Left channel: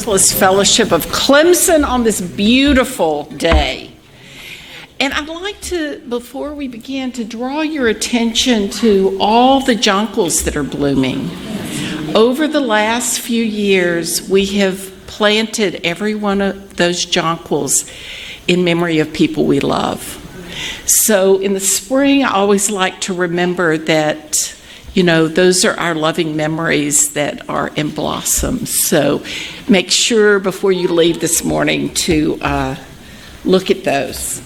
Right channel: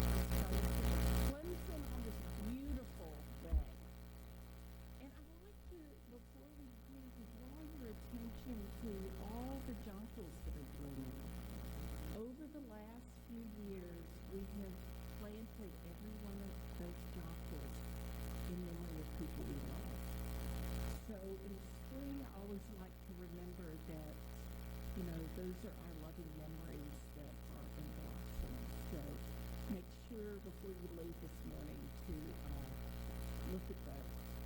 Universalist Fellowship of Clemson on this beautiful day. And I'd like to, before we begin, to draw your attention to all the jonquils that are blooming. Over the last few years, we have planted every one of those jonquils in memory of people we love. So in the spring, I always like to remember that, you know, those are our loving memories that are in blossom. So make sure before you leave this morning to look at those.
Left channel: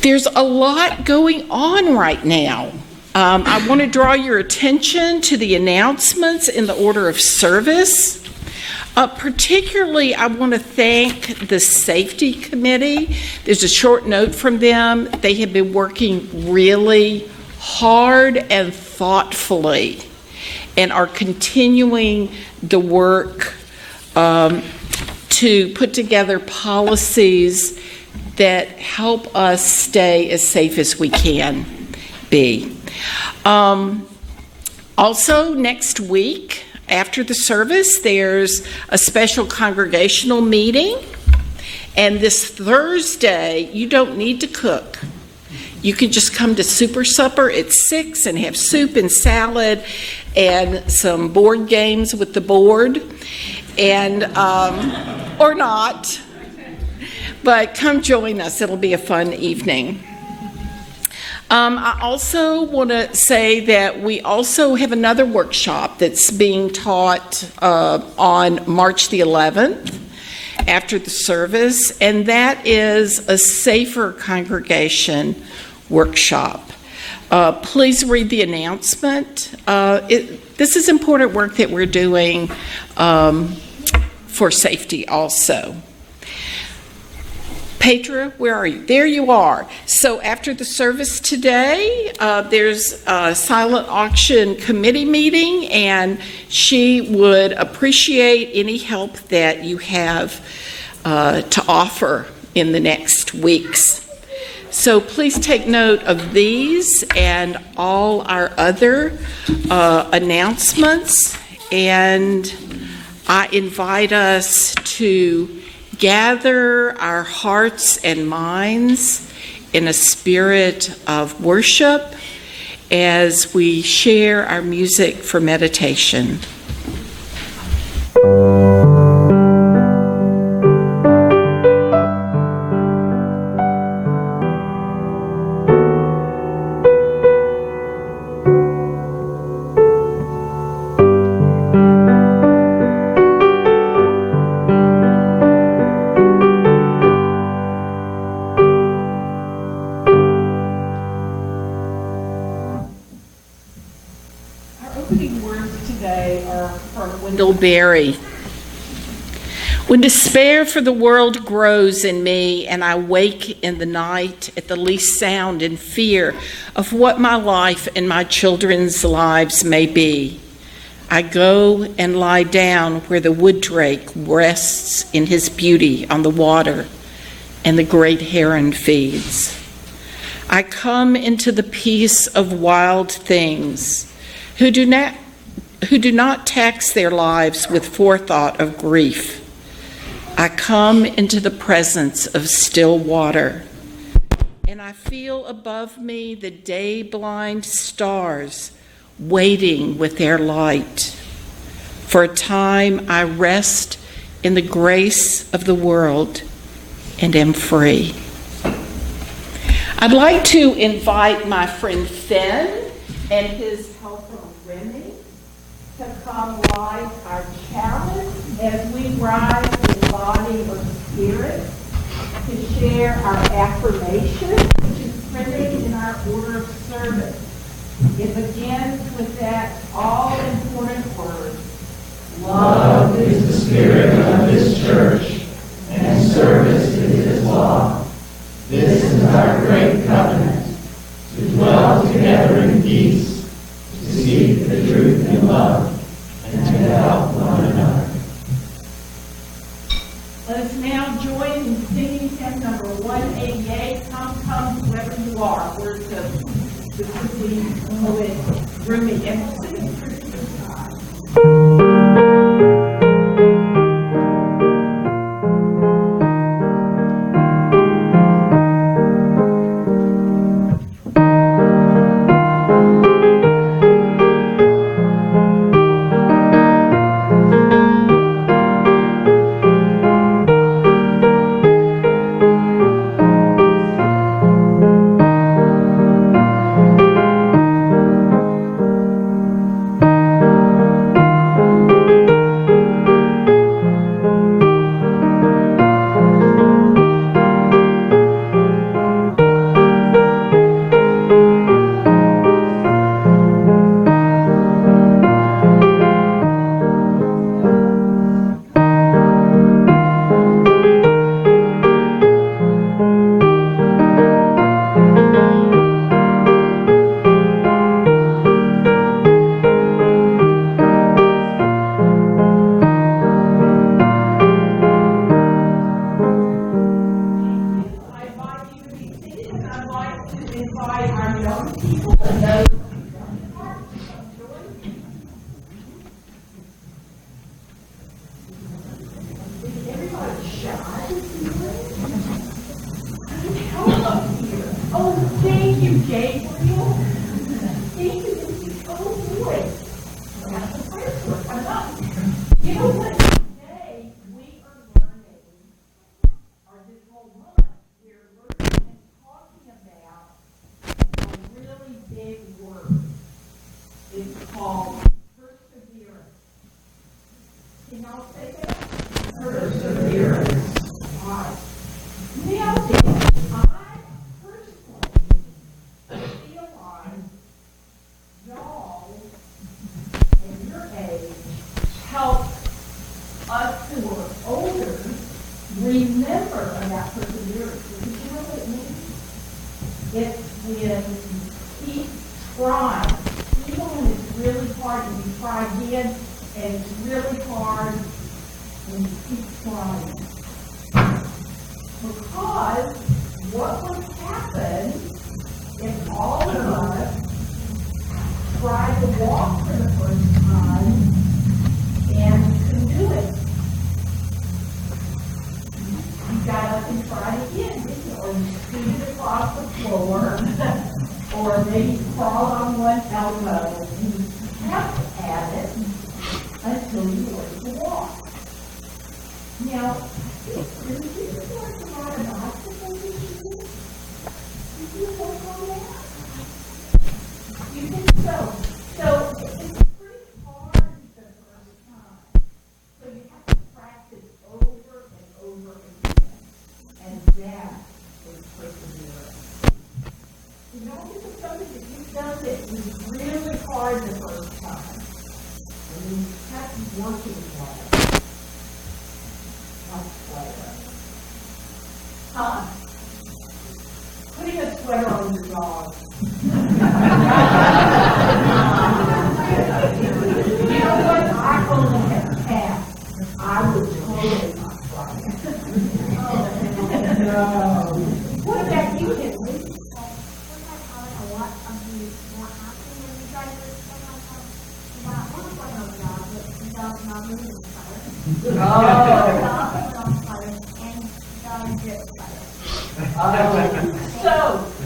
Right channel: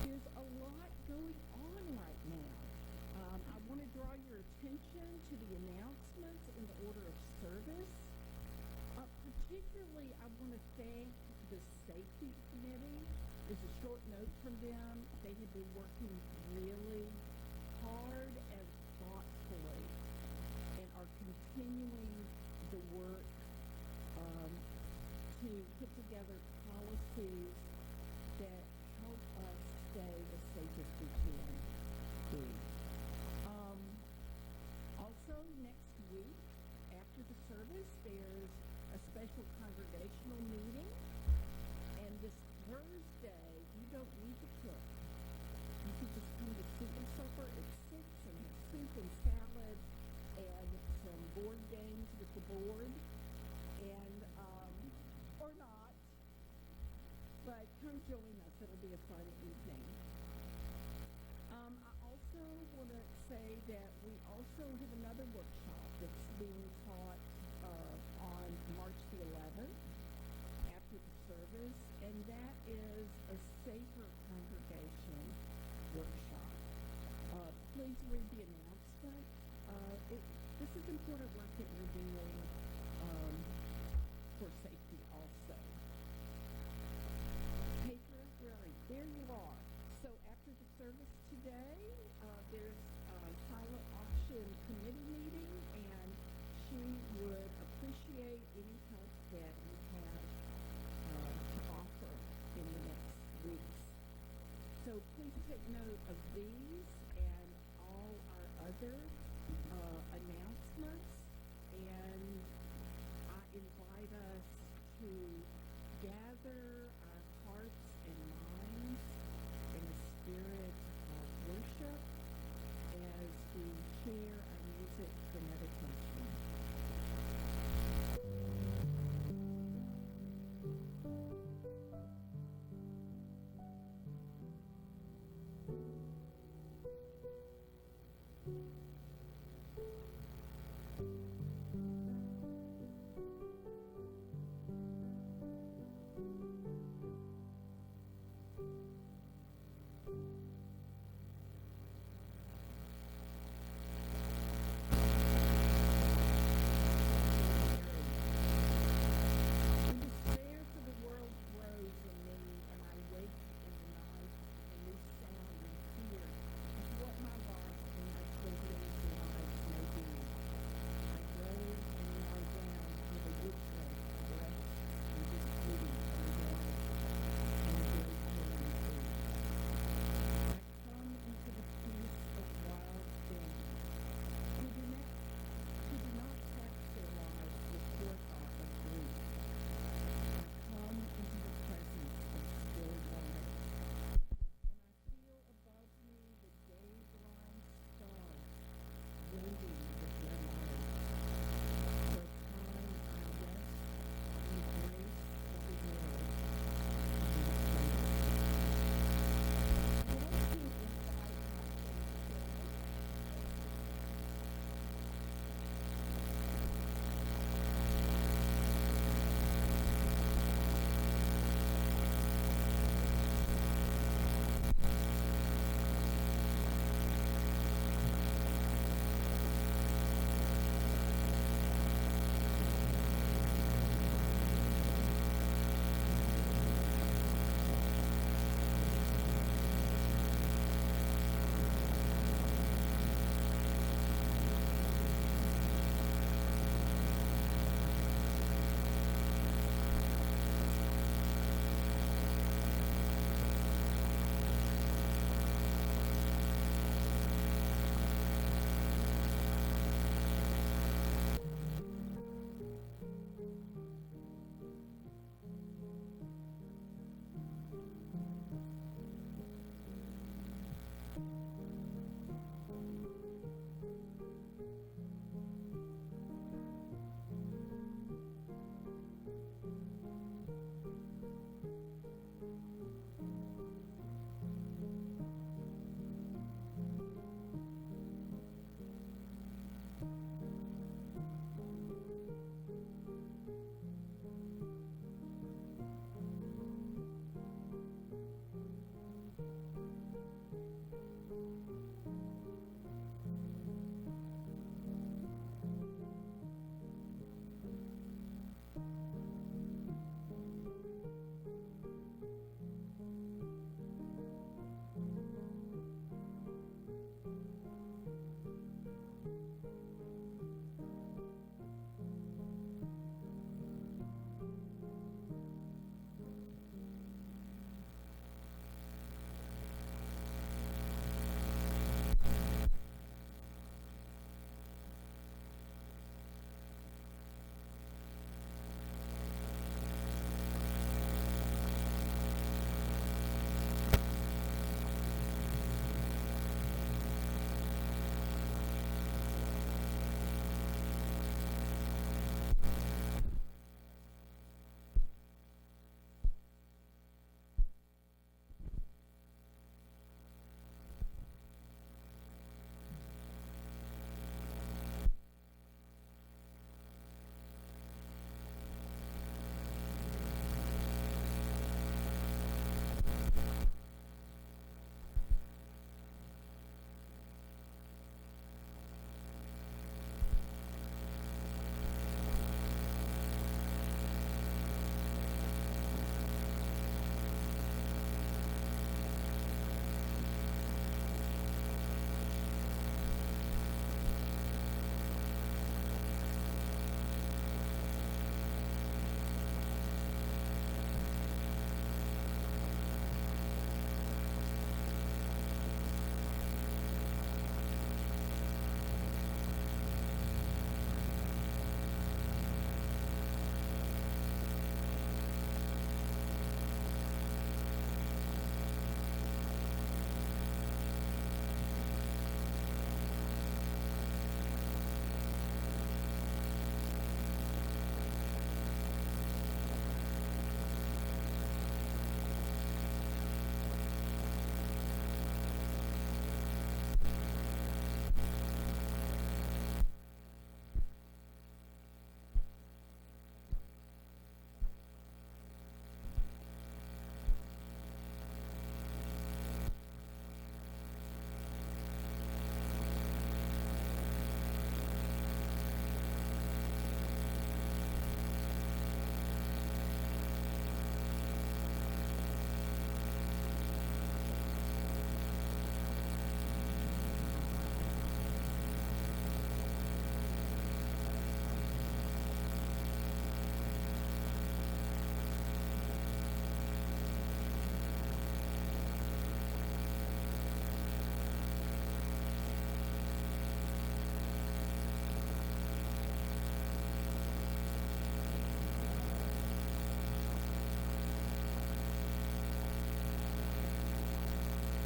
There's a lot going on right now. I want to draw your attention to the announcements in the order of service. Particularly, I want to thank the Safety Committee. There's a short note from them. They have been working really hard and thoughtfully and are continuing the work to put together policies that help us stay as safe as we can be. Also, next week, after the service, there's a special congregational meeting. And this Thursday, you don't need to cook. You can just come to Super Supper at 6 and have soup and salad and some board games with the board, and or not. But come join us. It'll be a fun evening. I also want to say that we also have another workshop that's being taught on March the 11th after the service, and that is a safer congregation workshop. Please read the announcement. This is important work that we're doing for safety also. Petra, where are you? There you are. So after the service today, there's a silent auction committee meeting, and she would appreciate any help that you have to offer in the next weeks. So please take note of these and all our other announcements, and I invite us to gather our hearts and minds in a spirit of worship as we share our music for meditation. Berry. When despair for the world grows in me and I wake in the night at the least sound in fear of what my life and my children's lives may be, I go and lie down where the wood drake rests in his beauty on the water and the great heron feeds. I come into the peace of wild things who do not tax their lives with forethought of grief. I come into the presence of still water, and I feel above me the day-blind stars waiting with their light. For a time I rest in the grace of the world and am free. I'd like to invite my friend Finn and his to come light our chalice as we rise in the body of the Spirit to share our affirmation, which is printed in our order of service. It begins with that all-important word. Love is the spirit of this church, and service is its law. This is our great covenant, to dwell together in peace, to seek the truth in love, and to help one another. Let us now join in singing hymn number 188, Come, Come, Whoever You Are. Where's the poet, Rumi, and sing it through this time. I'd like to invite our young people and those everybody shy. Come up here. Oh, thank you, Gabriel. Thank you. Oh, boy. That's the first one. Come up. You know what? Today, we are learning, or this whole month, we're learning and talking about a really big word. It's called perseverance. Can y'all say that? Perseverance. All right. Now then, I personally feel like y'all and your age help us who are older remember about perseverance. Because you know what it means? It's when you keep trying. Even when it's really hard and you try again, and it's really hard when you keep trying. Because what would happen if all of us tried to walk for the first time and couldn't do it? You got up and tried again, didn't you? Or you scooted across the floor, or maybe crawled on one elbow, and you kept at it until you learned to walk. Now, did you learn to ride a bicycle this year? Did you work on that? You think so? So it's pretty hard the first time. So you have to practice over and over again. And that is perseverance. You know, this is something that you've done that was really hard the first time. And you kept working on it. Huh? Putting a sweater on your dog. You know what? I only have a cat. I would totally not try it. No. What about you, Henry? So,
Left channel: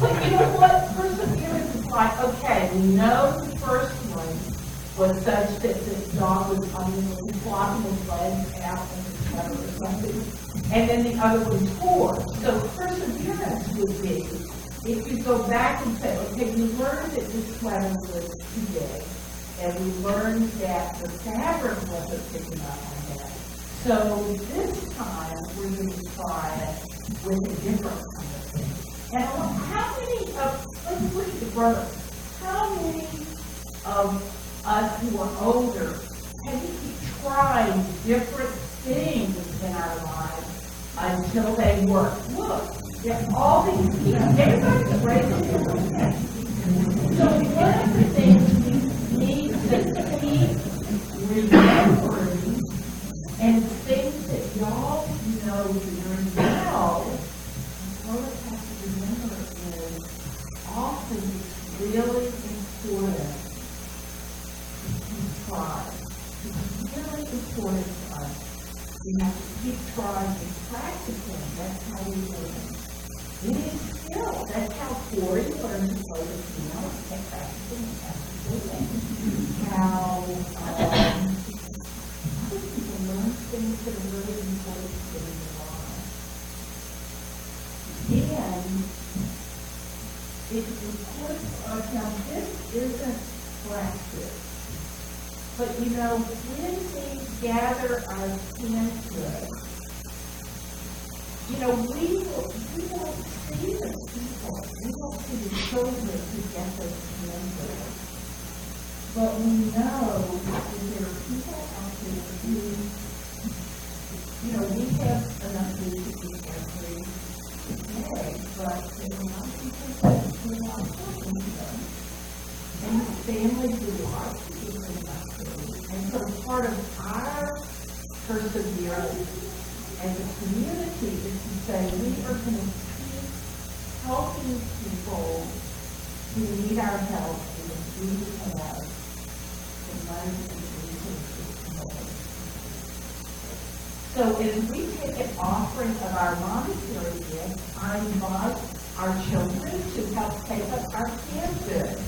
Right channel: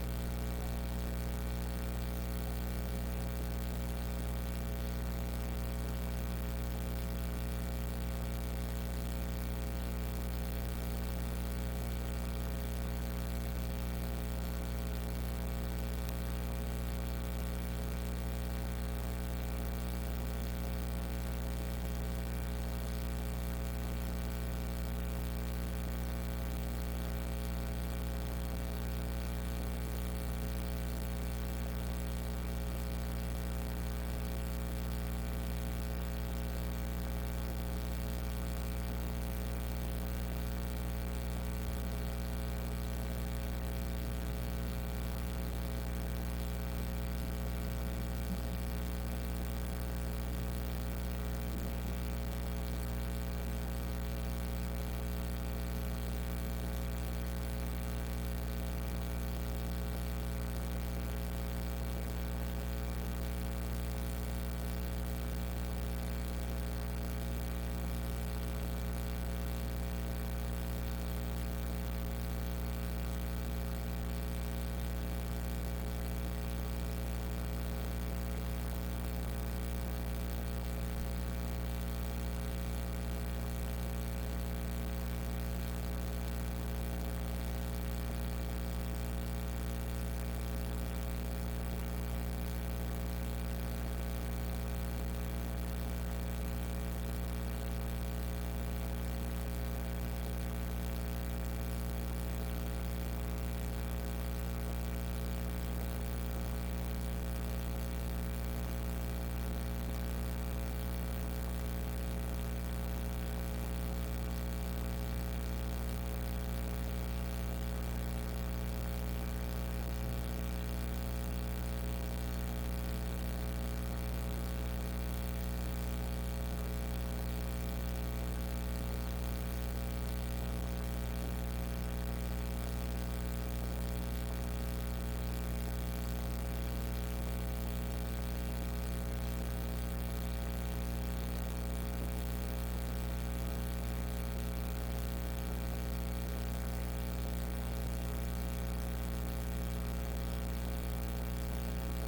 but you know what? Perseverance is like, okay, we know the first one was such that this dog was flopping his legs out in the sweater or something, and then the other one tore. So perseverance would be, if you go back and say, okay, we learned that this sweater was too big, and we learned that the fabric wasn't picking up on that. So this time, we're going to try it with a different kind of thing. And how many of, let's look at the brothers, how many of us who are older have you tried different things in our lives until they work? Look, there's all these people, everybody's raising their hand. So one of the things we need to keep remembering and things that y'all know very well, all of us have to remember is often it's really important to try. It's really important to us. We have to keep trying and practicing. That's how we learn. It is skill. That's how Corey learned to play the piano. That's how things that are really important in your life. And it's important for us now, this isn't practice. But you know, when we gather our senses, you know, we won't see the people. We won't see the children who get those senses. But we know that there are people out there who, you know, we have enough food to eat every day, but there are not people who are not working with them. And families do like to eat enough food. And so part of our perseverance as a community is to say we are going to keep helping helping people who need our help in the food have the money and resources. So as we take an offering of our monetary gifts, I invite our children to help take up our canned goods.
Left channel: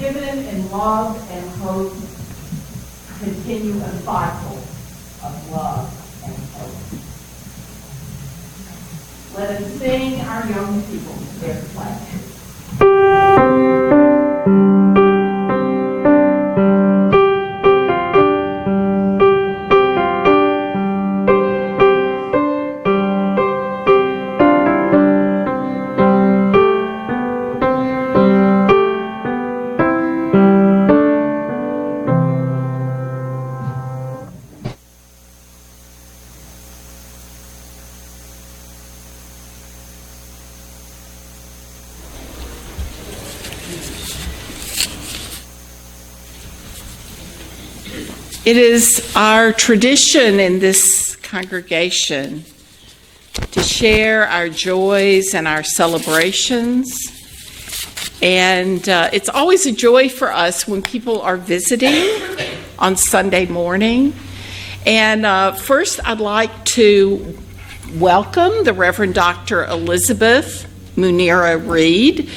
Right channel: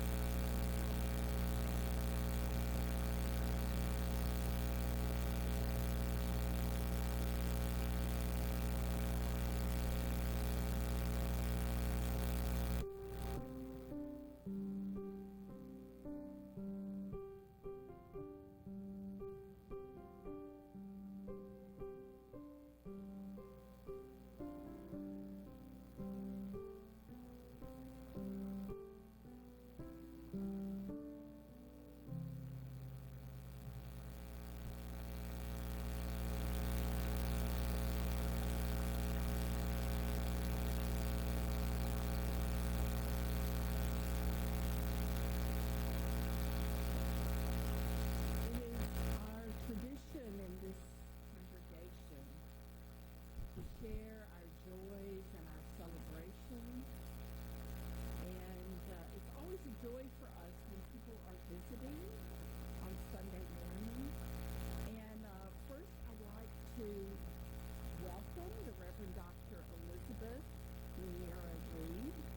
Given in love and hope, continue a cycle of love and hope. Let us sing our young people their pledge. It is our tradition in this congregation to share our joys and our celebrations. And it's always a joy for us when people are visiting on Sunday morning. And first, I'd like to welcome the Reverend Dr. Elizabeth Munira Reed.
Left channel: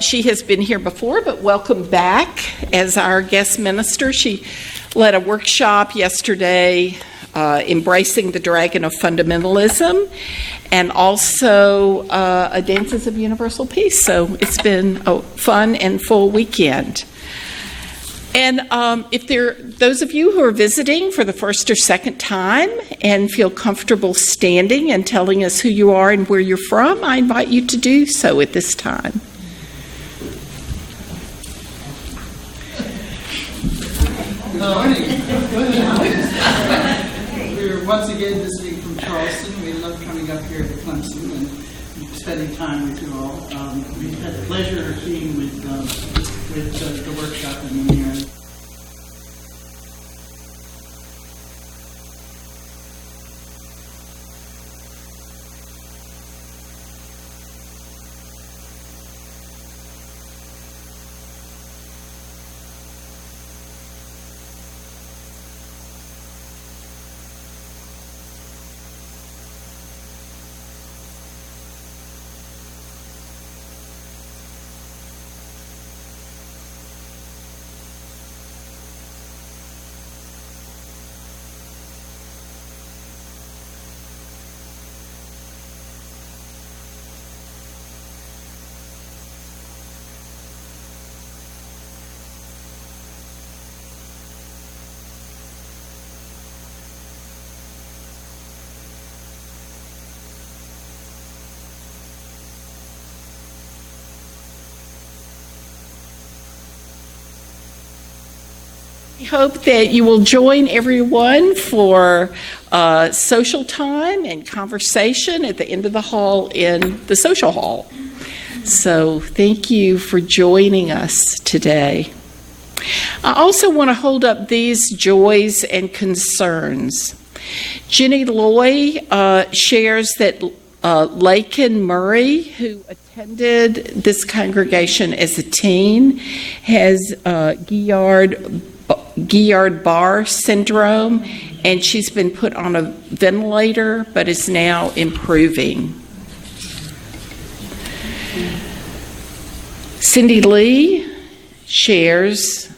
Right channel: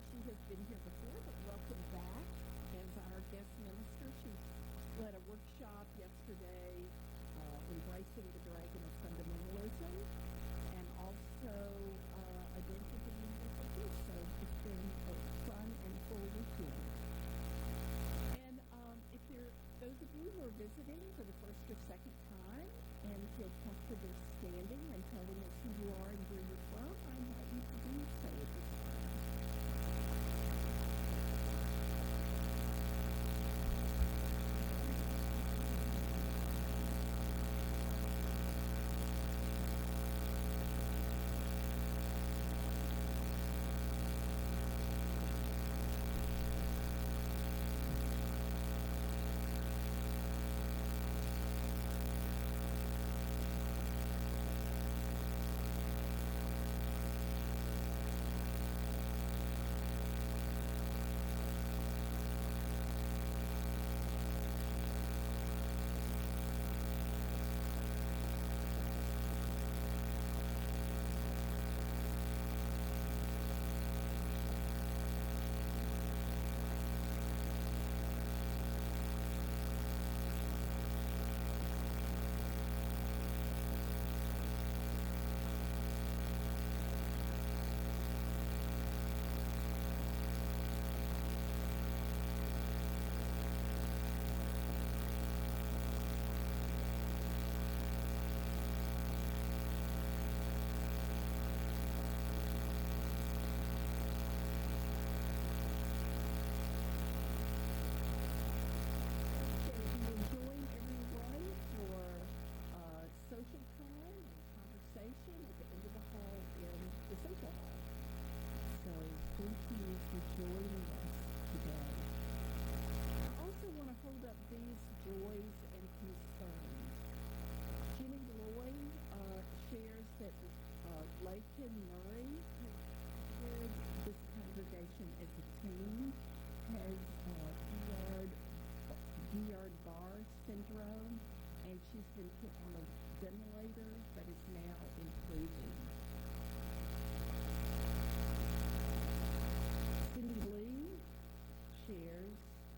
She has been here before, but welcome back as our guest minister. She led a workshop yesterday, Embracing the Dragon of Fundamentalism, and also a Dances of Universal Peace. So it's been a fun and full weekend. And if those of you who are visiting for the first or second time and feel comfortable standing and telling us who you are and where you're from, I invite you to do so at this time. Good morning. We're once again visiting from Charleston. We love coming up here to Clemson and spending time with you all. We've had the pleasure of being with the workshop in the year. hope that you will join everyone for social time and conversation at the end of the hall in the social hall. So thank you for joining us today. I also want to hold up these joys and concerns. Jenny Loy shares that Lakin Murray, who attended this congregation as a teen, has Guillain-Barré syndrome, and she's been put on a ventilator but is now improving. Cindy Lee shares,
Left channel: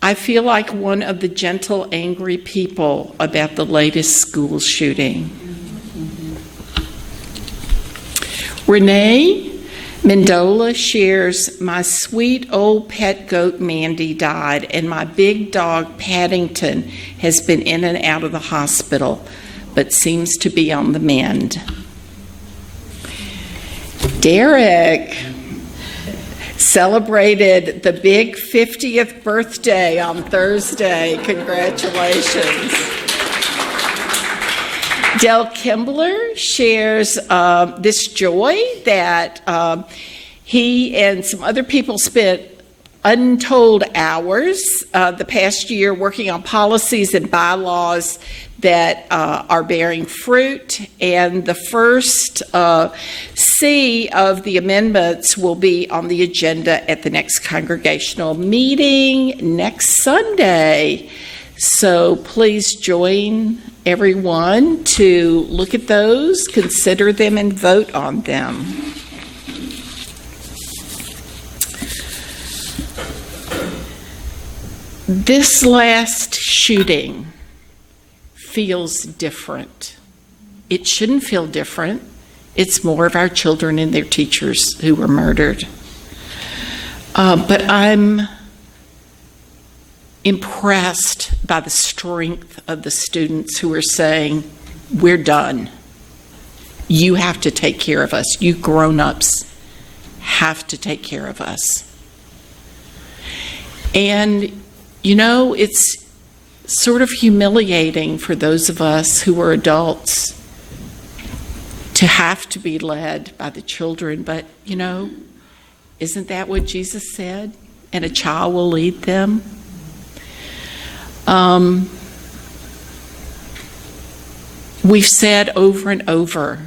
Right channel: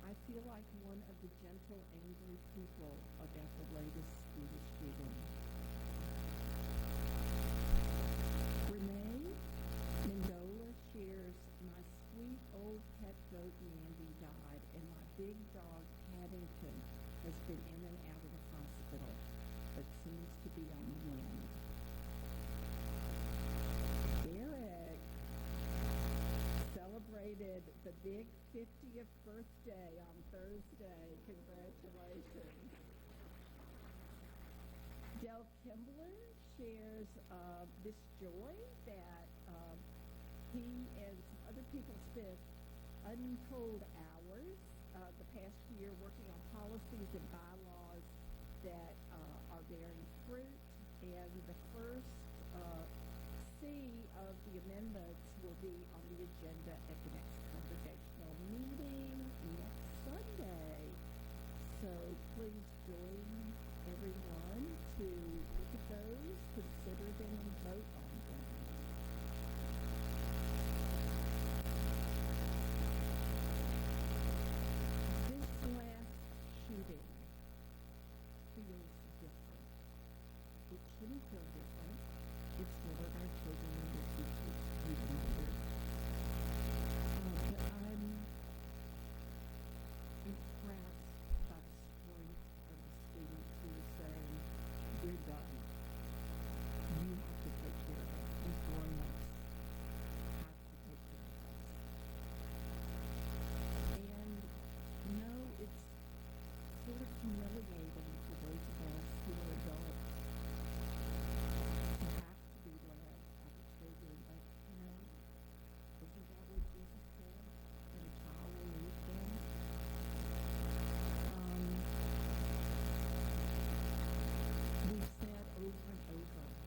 I feel like one of the gentle, angry people about the latest school shooting. Renee Mendola shares, my sweet old pet goat Mandy died, and my big dog Paddington has been in and out of the hospital, but seems to be on the mend. Derek celebrated the big 50th birthday on Thursday. Congratulations. Del Kimbler shares this joy that he and some other people spent untold hours the past year working on policies and bylaws that are bearing fruit, and the first C of the amendments will be on the agenda at the next congregational meeting next Sunday. So please join everyone to look at those, consider them, and vote on them. This last shooting feels different. It shouldn't feel different. It's more of our children and their teachers who were murdered. But I'm impressed by the strength of the students who are saying, we're done. You have to take care of us. You grown-ups have to take care of us. And, you know, it's sort of humiliating for those of us who are adults to have to be led by the children. But, you know, isn't that what Jesus said? And a child will lead them. We've said over and over,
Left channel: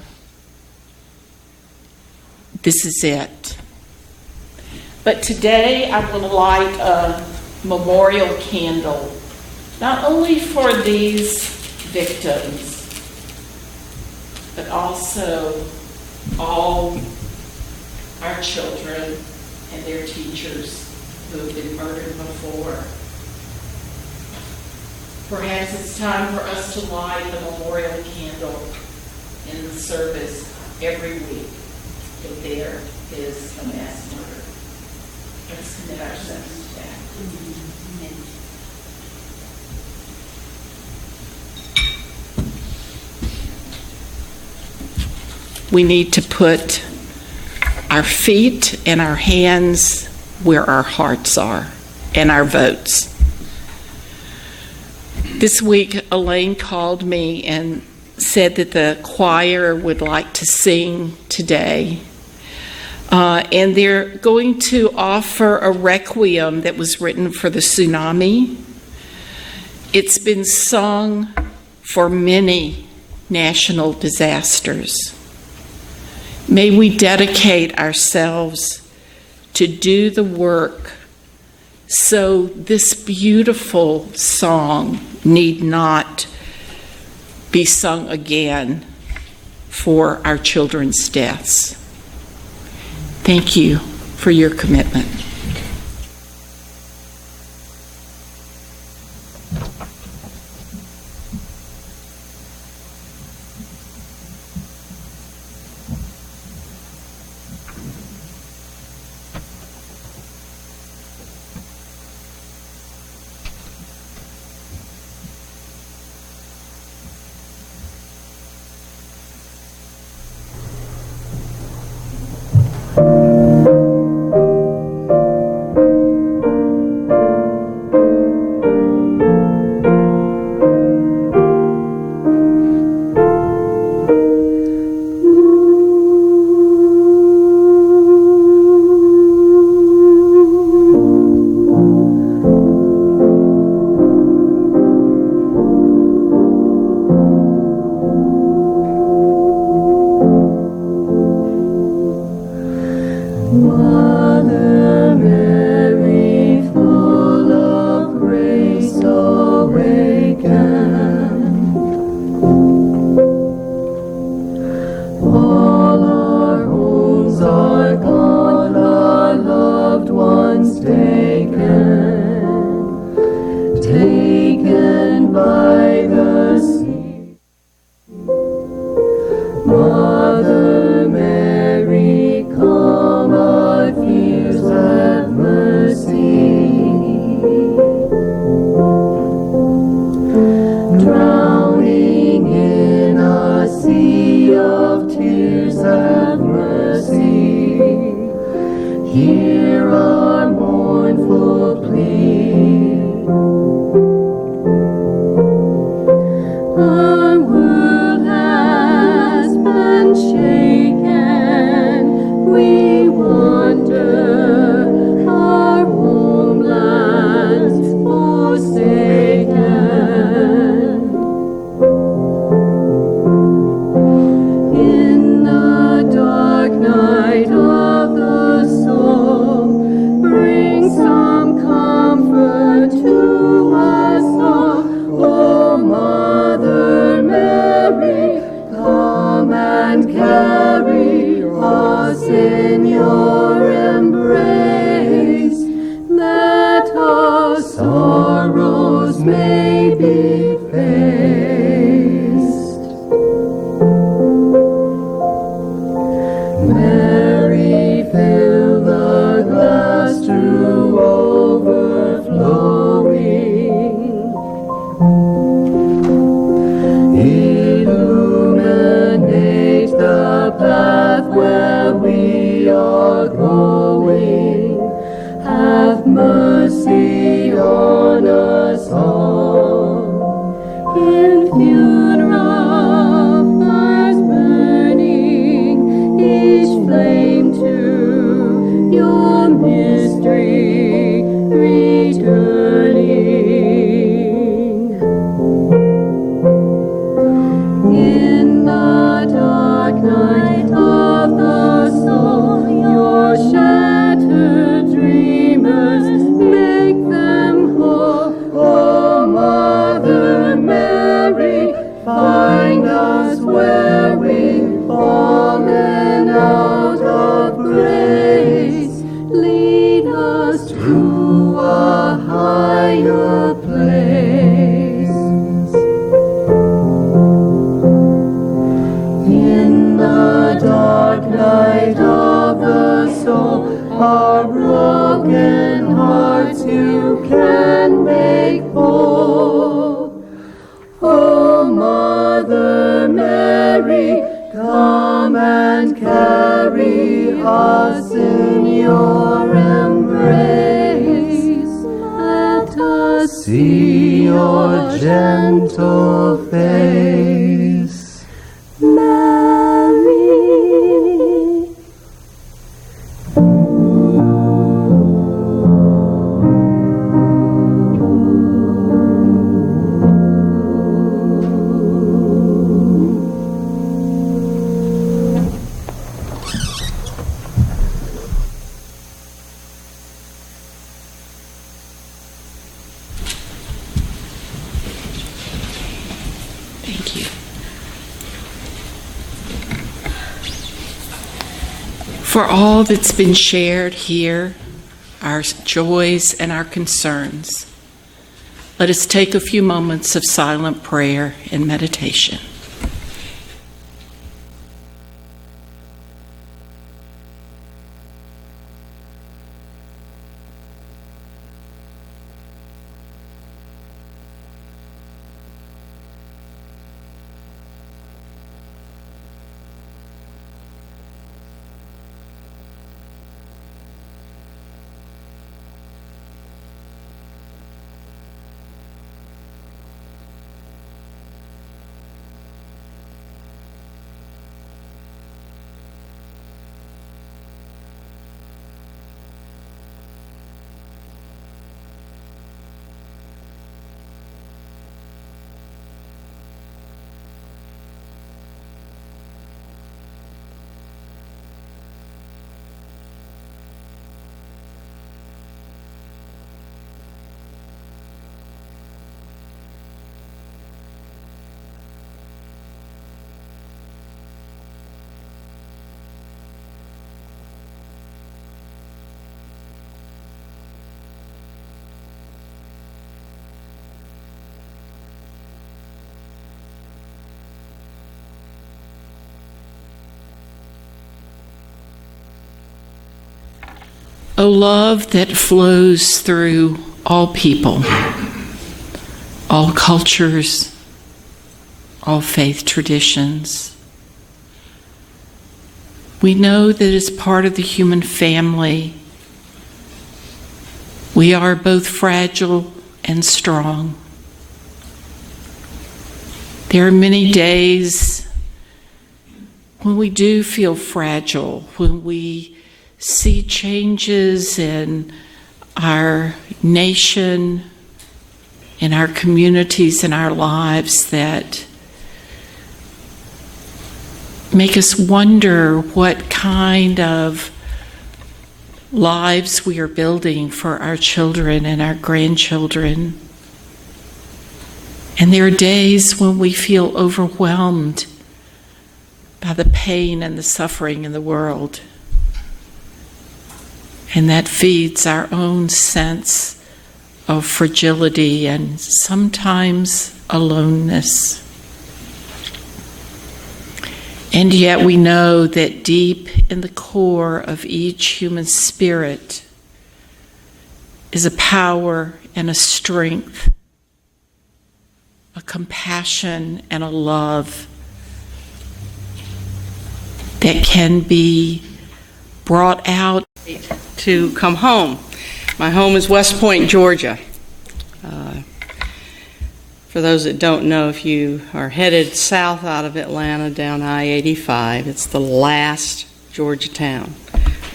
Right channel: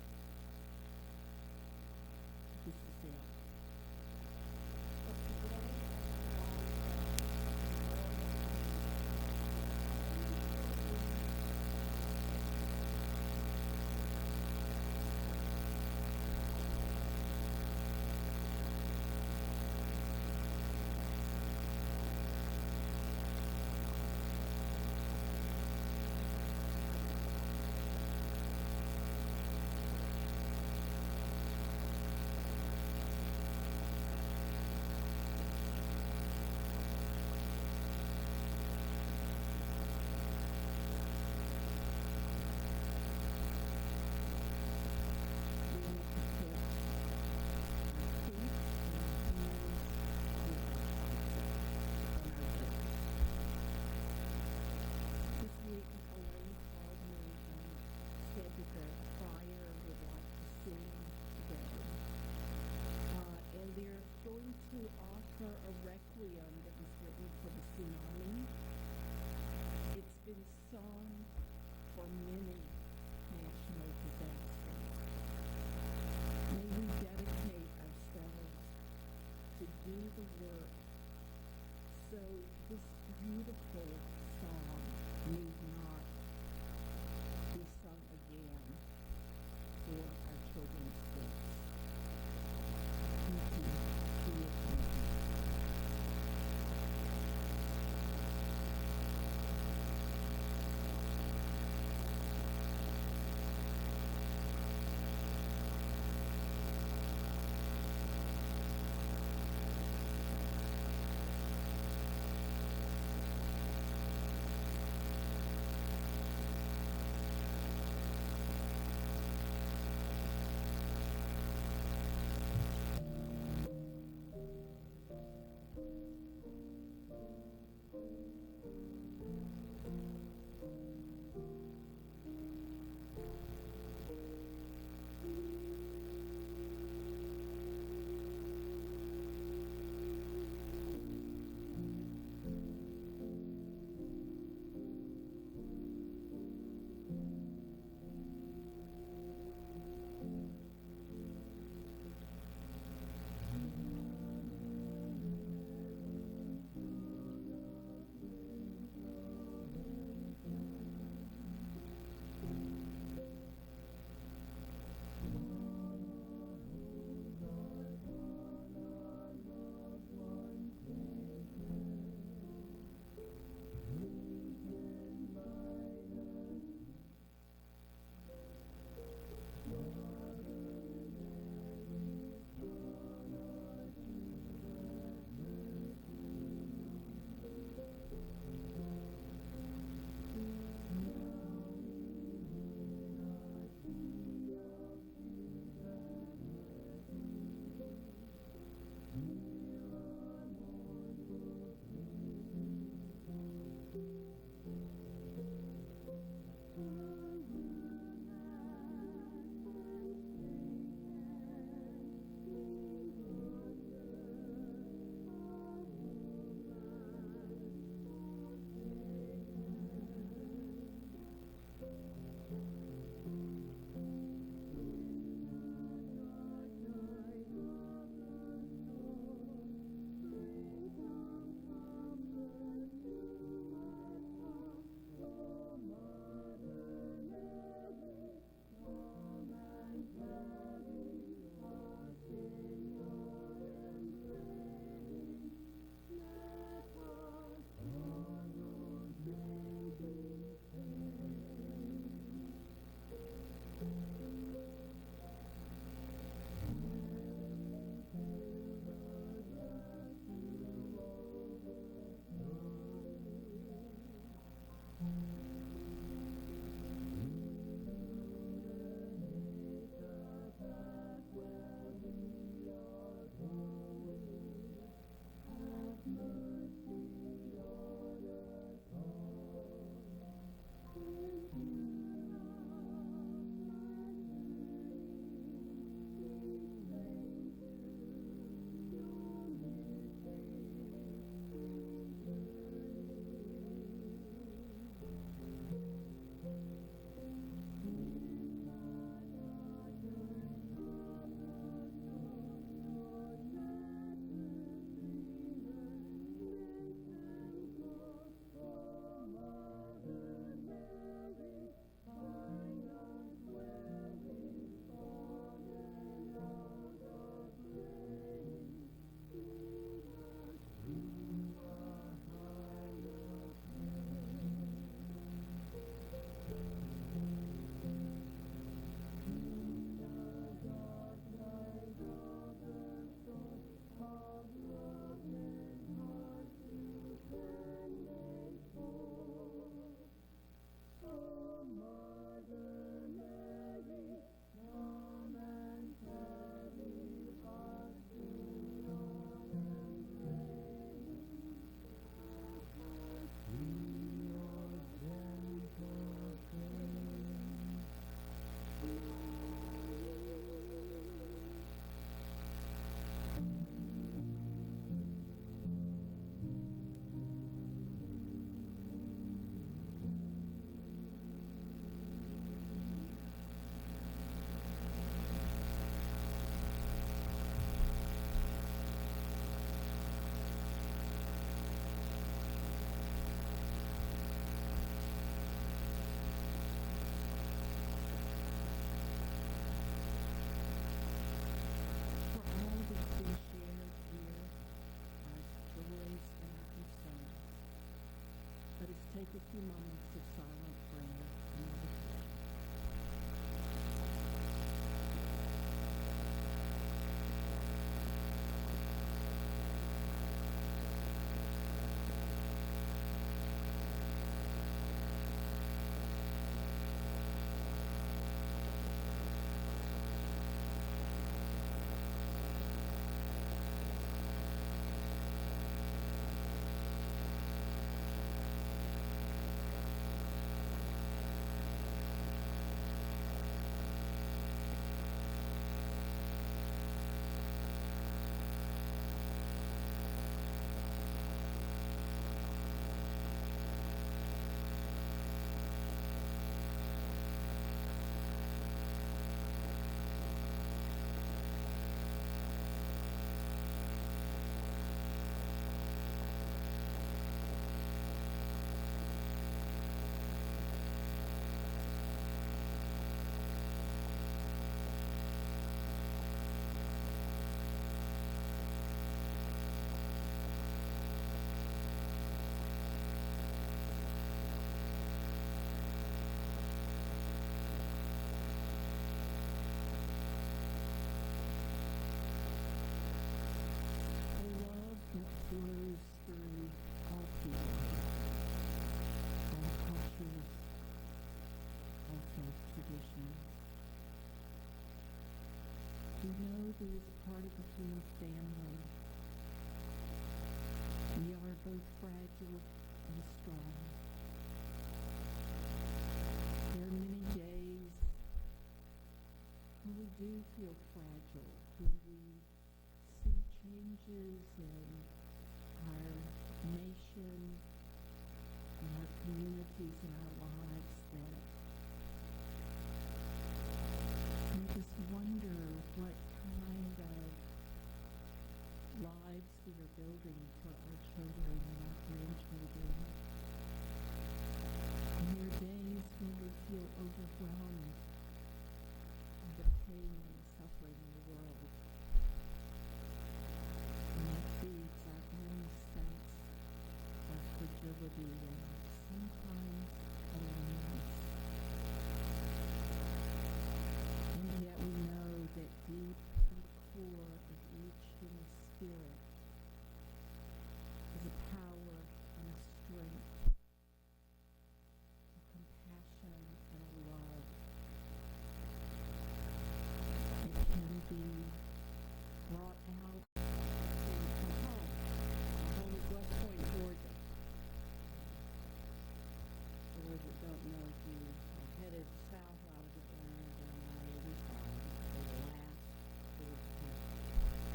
this is it. But today I will light a memorial candle, not only for these victims, but also all our children and their teachers who have been murdered before. Perhaps it's time for us to light a memorial candle in the service every week if there is a mass murder. Let's commit ourselves to that. We need to put our feet and our hands where our hearts are and our votes. This week, Elaine called me and said that the choir would like to sing today. And they're going to offer a requiem that was written for the tsunami. It's been sung for many national disasters. May we dedicate ourselves to do the work so this beautiful song need not be sung again for our children's deaths. Thank you for your commitment. Mother Mary, full of grace, awaken. All our homes are gone, our loved ones taken by the sea. Mother Mary, calm our fears, have mercy. Drowning in a sea of tears, have mercy. Hear our mournful plea. Our world has been shaken. We wander, our homelands forsaken. In the dark night of the soul, bring some comfort to us all. O Mother Mary, come and carry us in your embrace, that our sorrows may be faced. Mary, fill the glass to overflowing. Illuminate the path where we are going. Have mercy on us all. In funeral fires burning, each flame to your mystery returning. In the dark night of the soul, your shattered dreamers, make them whole. O Mother Mary, find us where we've fallen out of grace. Lead us to a higher place. In the dark night of the soul, our broken hearts you can make whole. O Mother Mary, come and carry us in your embrace. Let us see your gentle face. Mary. Thank you. For all that's been shared here, our joys and our concerns, let us take a few moments of silent prayer and meditation. O love that flows through all people, all cultures, all faith traditions. We know that as part of the human family, we are both fragile and strong. There are many days when we do feel fragile, when we see changes in our nation, in our communities, in our lives that make us wonder what kind of lives we are building for our children and our grandchildren. And there are days when we feel overwhelmed by the pain and the suffering in the world. And that feeds our own sense of fragility and sometimes aloneness. And yet we know that deep in the core of each human spirit is a power and a strength, a compassion and a love that can be brought out. To come home. My home is West Point, Georgia. For those that don't know, if you are headed south out of Atlanta down I-85, it's the last Georgia town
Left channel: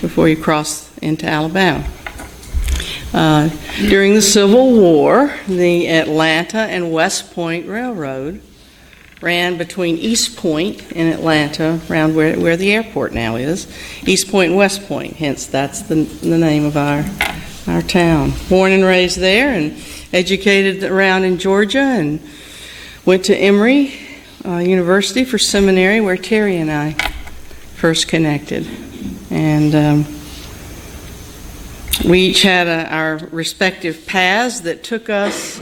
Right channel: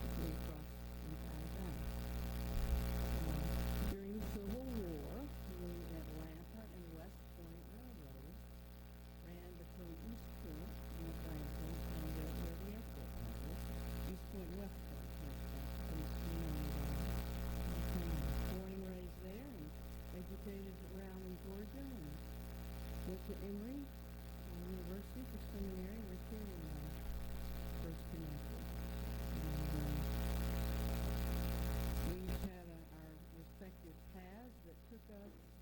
before you cross into Alabama. During the Civil War, the Atlanta and West Point Railroad ran between East Point in Atlanta, around where the airport now is, East Point and West Point, hence that's the name of our town. Born and raised there and educated around in Georgia, and went to Emory University for seminary, where Terry and I first connected. And we each had our respective paths that took us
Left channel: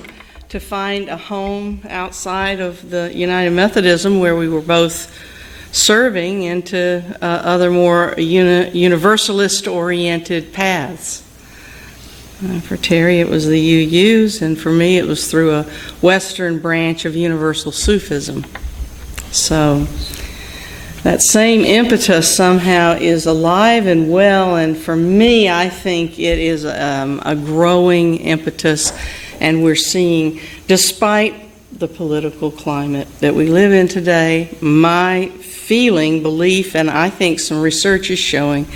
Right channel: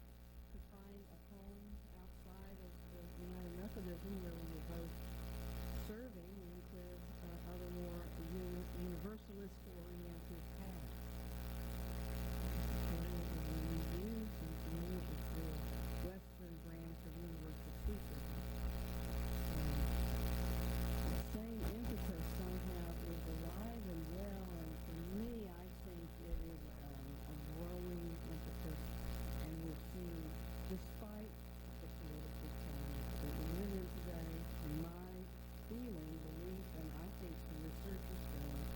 to find a home outside of the United Methodism, where we were both serving, into other more universalist-oriented paths. For Terry, it was the UUs, and for me, it was through a Western branch of Universal Sufism. So that same impetus somehow is alive and well, and for me, I think it is a growing impetus, and we're seeing, despite the political climate that we live in today, my feeling, belief, and I think some research is showing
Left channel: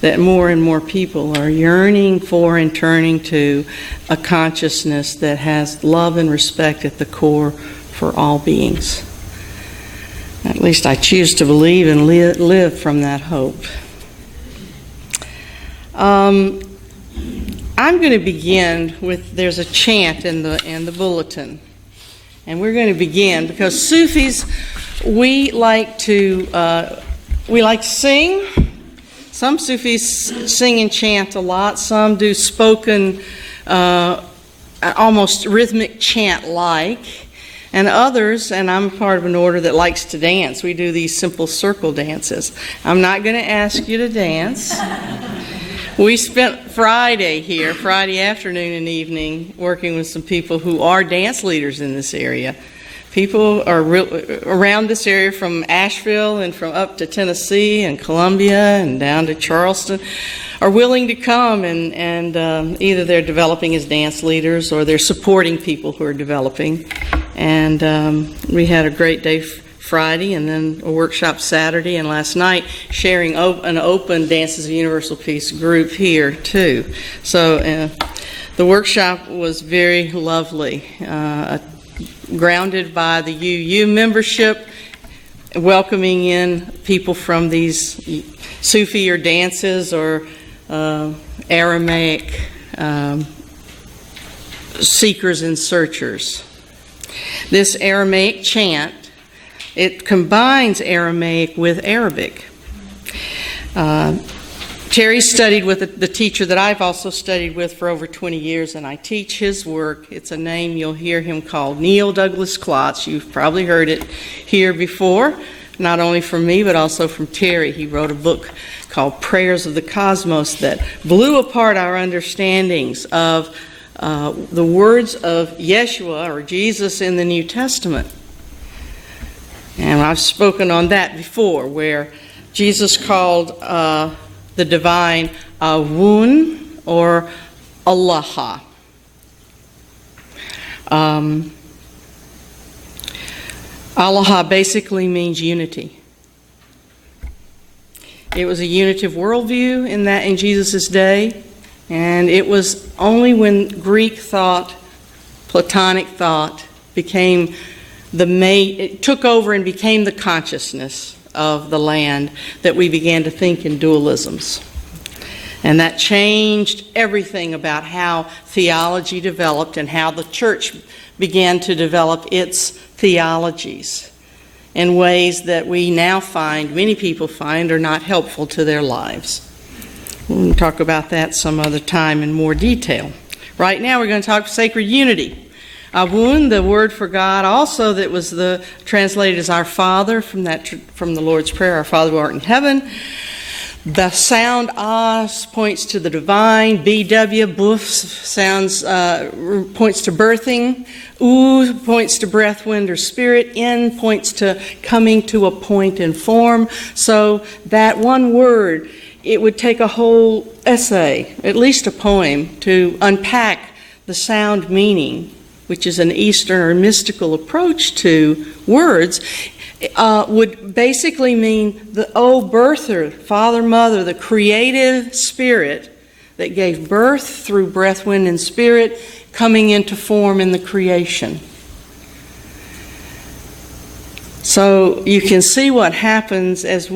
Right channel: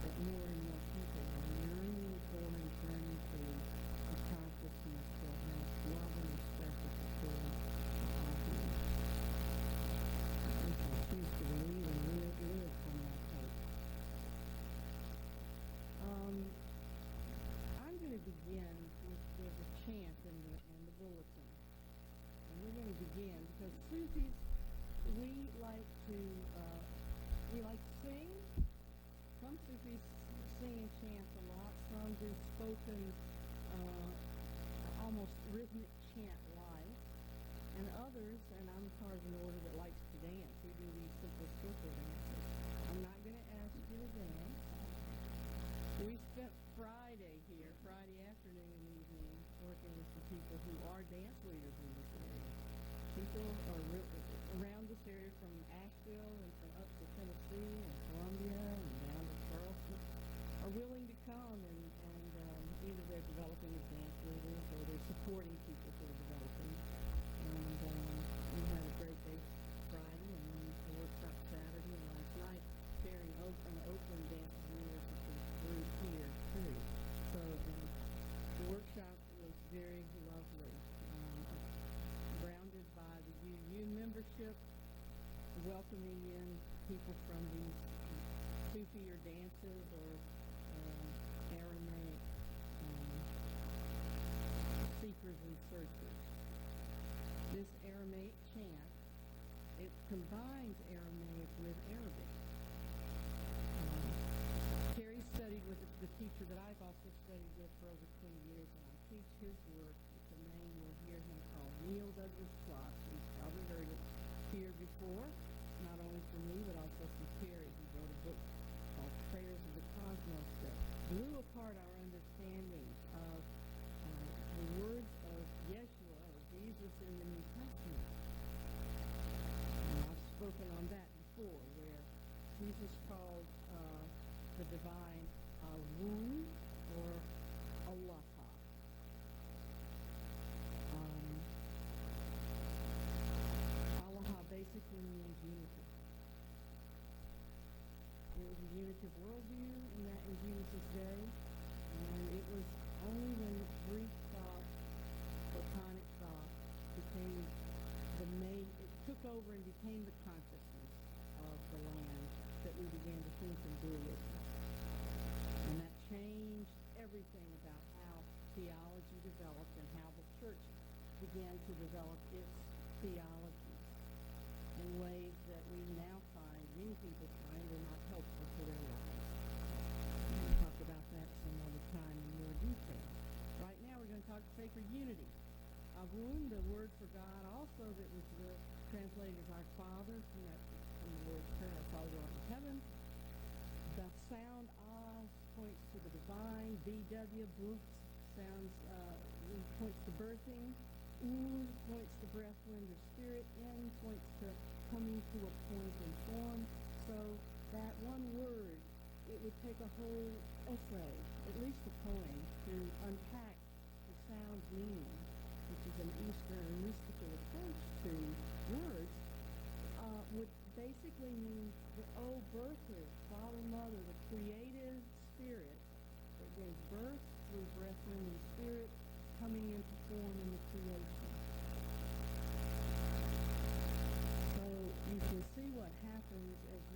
that more and more people are yearning for and turning to a consciousness that has love and respect at the core for all beings. At least I choose to believe and live from that hope. I'm going to begin with, there's a chant in the bulletin. And we're going to begin because Sufis, we like to sing. Some Sufis sing and chant a lot. Some do spoken, almost rhythmic chant-like. And others, and I'm part of an order that likes to dance. We do these simple circle dances. I'm not going to ask you to dance. We spent Friday afternoon and evening, working with some people who are dance leaders in this area. People are around this area from Asheville and from up to Tennessee and Columbia and down to Charleston are willing to come, and either they're developing as dance leaders or they're supporting people who are developing. And we had a great day Friday, and then a workshop Saturday, and last night sharing an open Dances of Universal Peace group here too. So the workshop was very lovely, grounded by the UU membership, welcoming in people from these Sufi or dances or Aramaic seekers and searchers. This Aramaic chant, it combines Aramaic with Arabic. Terry studied with the teacher that I've also studied with for over 20 years, and I teach his work. It's a name you'll hear him called, Neil Douglas Klotz. You've probably heard it here before, not only from me, but also from Terry. He wrote a book called Prayers of the Cosmos that blew apart our understandings of the words of Yeshua or Jesus in the New Testament. And I've spoken on that before, where Jesus called the divine Awun or Allah. Allah basically means unity. It was a unitive worldview in Jesus' day, and it was only when Greek thought, Platonic thought, it took over and became the consciousness of the land that we began to think in dualisms. And that changed everything about how theology developed and how the church began to develop its theologies in ways that we now find, many people find, are not helpful to their lives. We'll talk about that some other time in more detail. Right now we're going to talk sacred unity. Avun, the word for God, also that was translated as our Father from the Lord's Prayer, our Father who art in heaven. The sound As points to the divine. BW, Buf, points to birthing. U points to breath, wind, or spirit. N points to coming to a point in form. So that one word, it would take a whole essay, at least a poem, to unpack the sound meaning, which is an Eastern or mystical approach to words. Would basically mean the birther, father, mother, the creative spirit that gave birth through breath, wind, and spirit coming into form in the creation. So you can see what happens as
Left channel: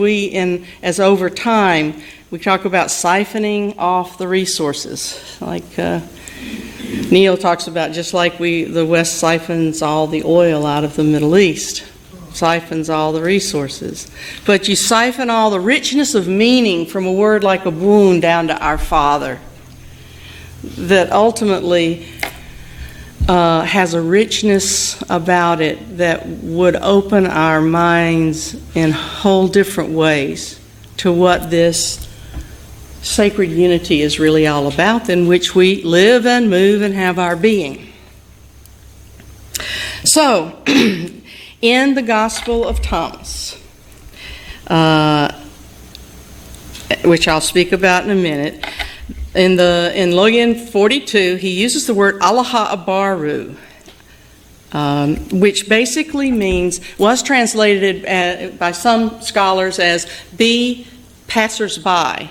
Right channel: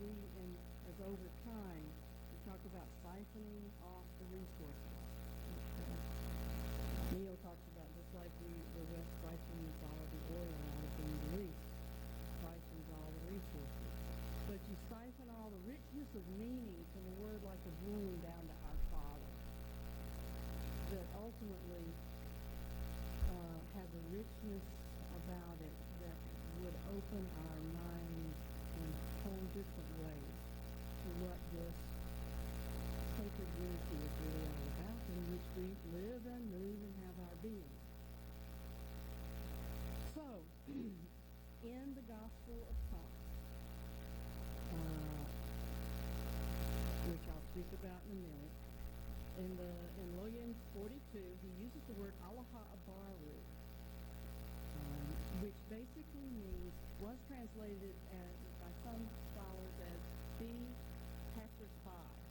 over time we talk about siphoning off the resources, like Neil talks about, just like the West siphons all the oil out of the Middle East. Siphons all the resources. But you siphon all the richness of meaning from a word like a wound down to our Father that ultimately has a richness about it that would open our minds in whole different ways to what this sacred unity is really all about, in which we live and move and have our being. So, in the Gospel of Thomas, which I'll speak about in a minute, in Logan 42, he uses the word Allaha Abaru, which basically was translated by some scholars as be passers-by.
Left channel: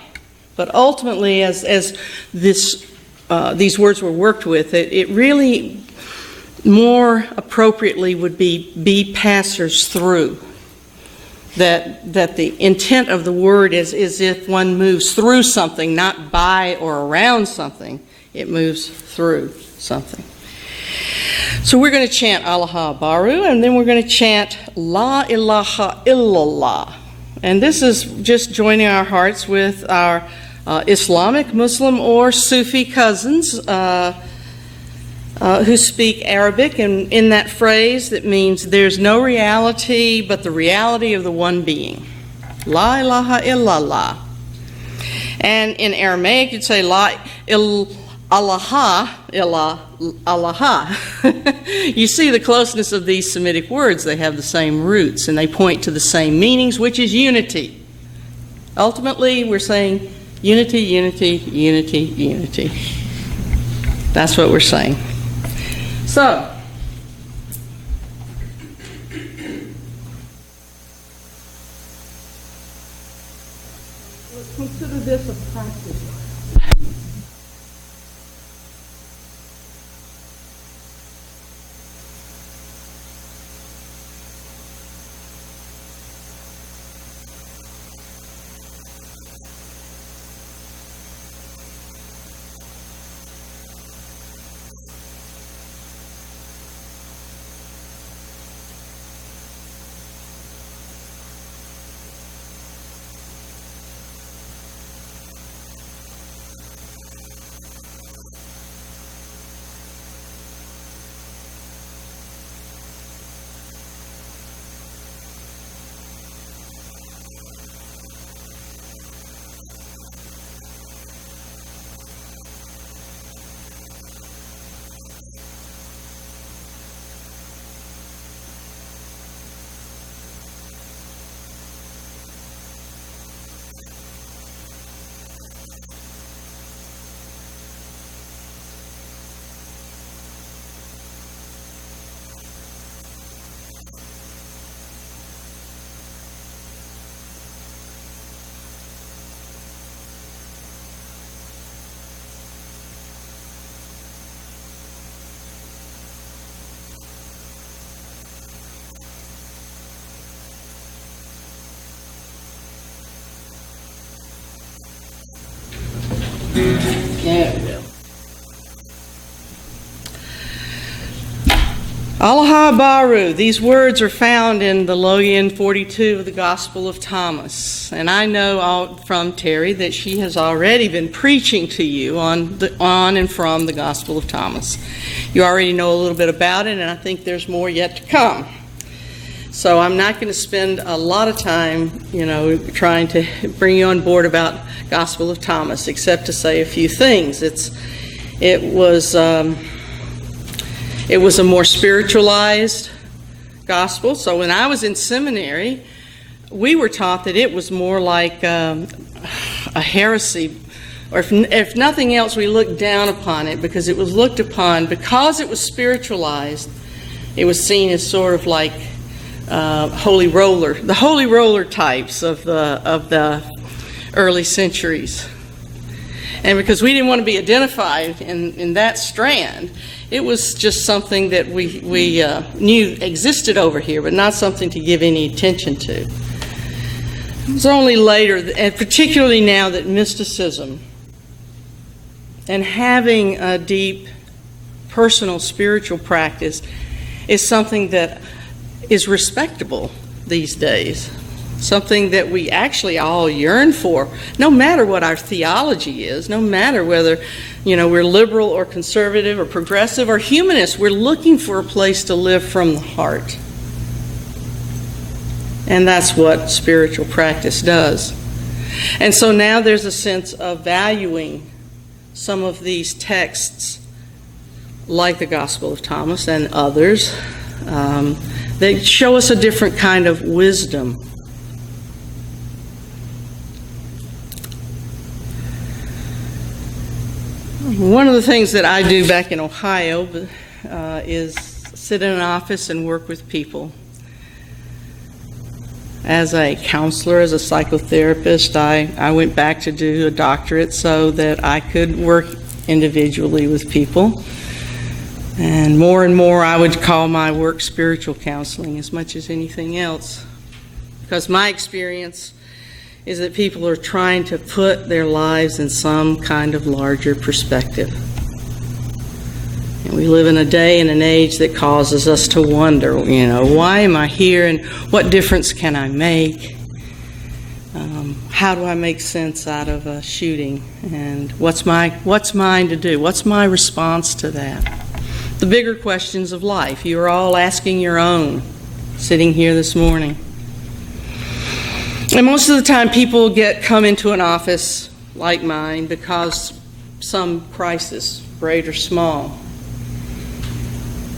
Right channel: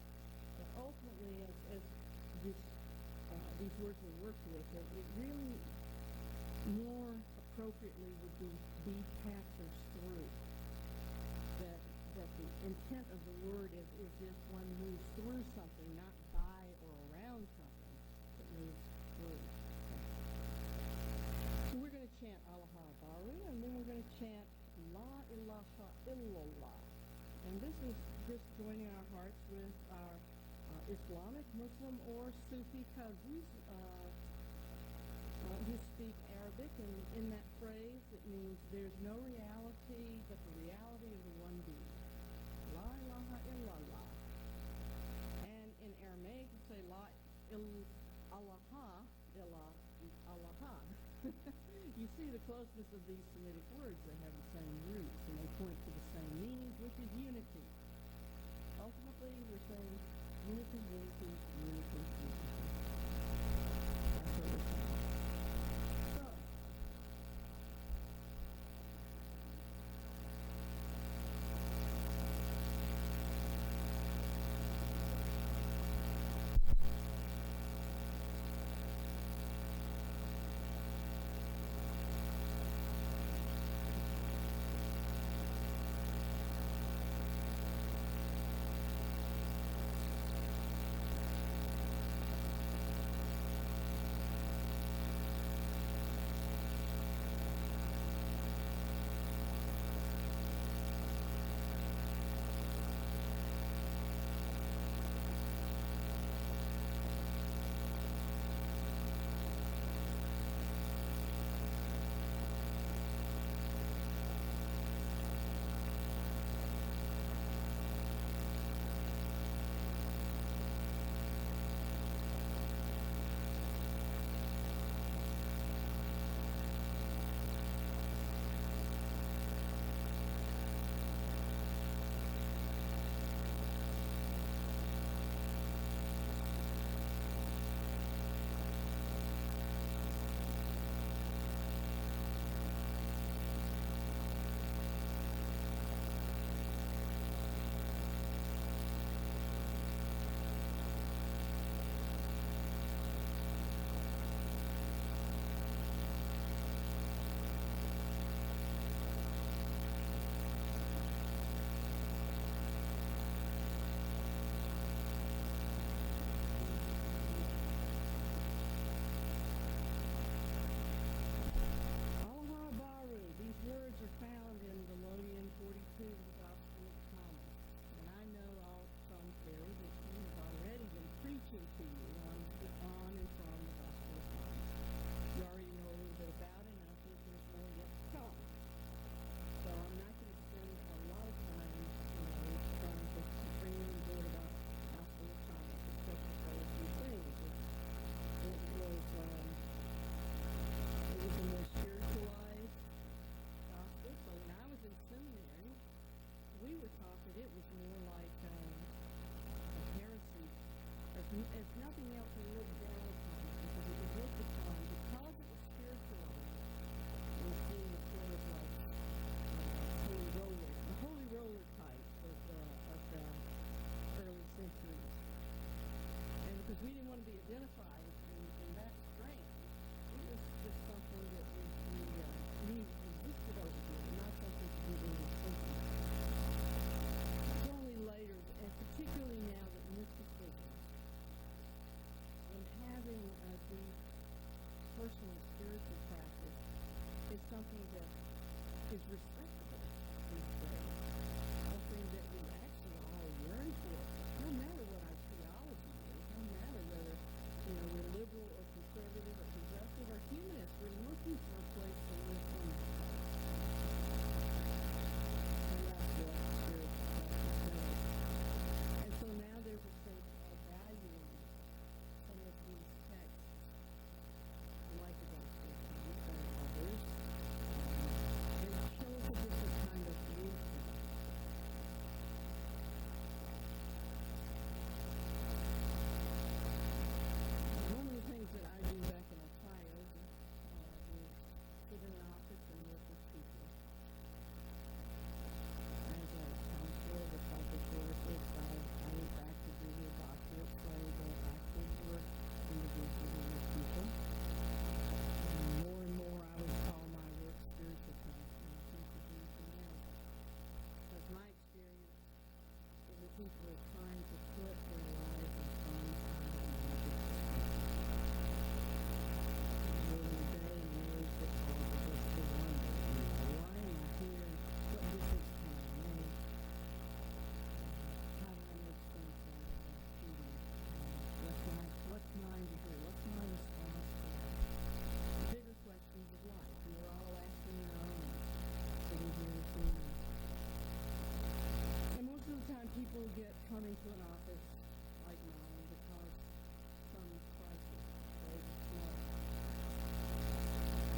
But ultimately, as these words were worked with, it really more appropriately would be passers through. That the intent of the word is if one moves through something, not by or around something, it moves through something. So we're going to chant Allaha Baru, and then we're going to chant La ilaha illallah. And this is just joining our hearts with our Islamic, Muslim, or Sufi cousins who speak Arabic, and in that phrase that means there's no reality but the reality of the one being. La ilaha illallah. And in Aramaic you'd say La ilaha illallah. You see the closeness of these Semitic words. They have the same roots and they point to the same meanings, which is unity. Ultimately, we're saying unity, unity, unity, unity. That's what we're saying. So, let's consider this a practice. There we go. Alaha Baru. These words are found in the Logan 42 of the Gospel of Thomas. And I know from Terry that she has already been preaching to you on and from the Gospel of Thomas. You already know a little bit about it, and I think there's more yet to come. So I'm not going to spend a lot of time, trying to bring you on board about Gospel of Thomas, except to say a few things. It was a more spiritualized gospel. So when I was in seminary, we were taught that it was more like a heresy, or if nothing else, we looked down upon it because it was looked upon, because it was spiritualized, it was seen as sort of like the holy roller types of the early centuries. And because we didn't want to be identified in that strand, it was just something that we knew existed over here, but not something to give any attention to. It was only later, and particularly now, that mysticism and having a deep personal spiritual practice is something that is respectable these days. Something that we actually all yearn for, no matter what our theology is, no matter whether, we're liberal or conservative or progressive or humanist. We're looking for a place to live from the heart. And that's what spiritual practice does. And so now there's a sense of valuing some of these texts, like the Gospel of Thomas and others, that show us a different kind of wisdom. One of the things that I do back in Ohio is sit in an office and work with people. As a counselor, as a psychotherapist, I went back to do a doctorate so that I could work individually with people. And more I would call my work spiritual counseling as much as anything else. Because my experience is that people are trying to put their lives in some kind of larger perspective. And we live in a day and an age that causes us to wonder, why am I here and what difference can I make? How do I make sense out of a shooting? And what's mine to do? What's my response to that? The bigger questions of life. You are all asking your own, sitting here this morning. And most of the time people come into an office like mine because some crisis, great or small.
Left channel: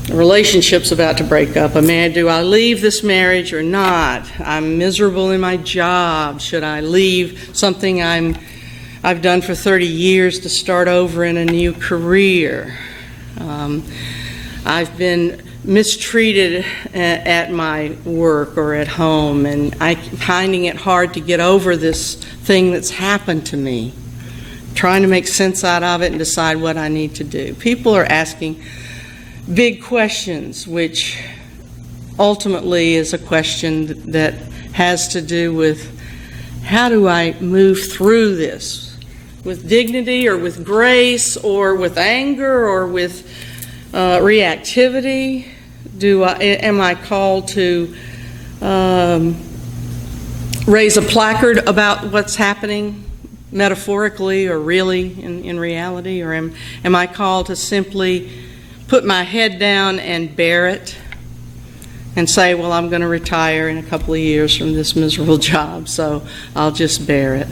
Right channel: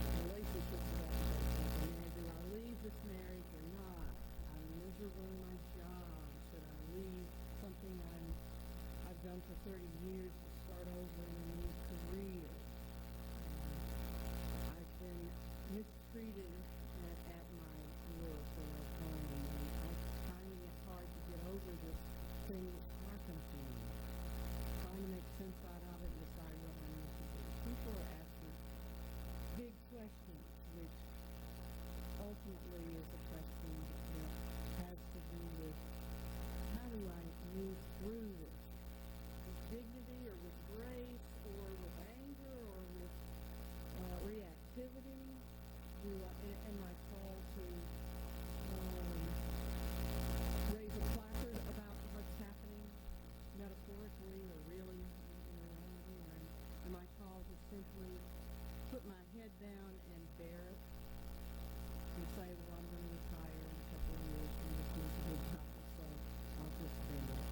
A relationship's about to break up. Do I leave this marriage or not? I'm miserable in my job. Should I leave something I've done for 30 years to start over in a new career? I've been mistreated at my work or at home, and I'm finding it hard to get over this thing that's happened to me, trying to make sense out of it and decide what I need to do. People are asking big questions, which ultimately is a question that has to do with, how do I move through this with dignity or with grace or with anger or with reactivity? Am I called to raise a placard about what's happening metaphorically or really in reality? Or am I called to simply put my head down and bear it and say, well, I'm going to retire in a couple of years from this miserable job, so I'll just bear it?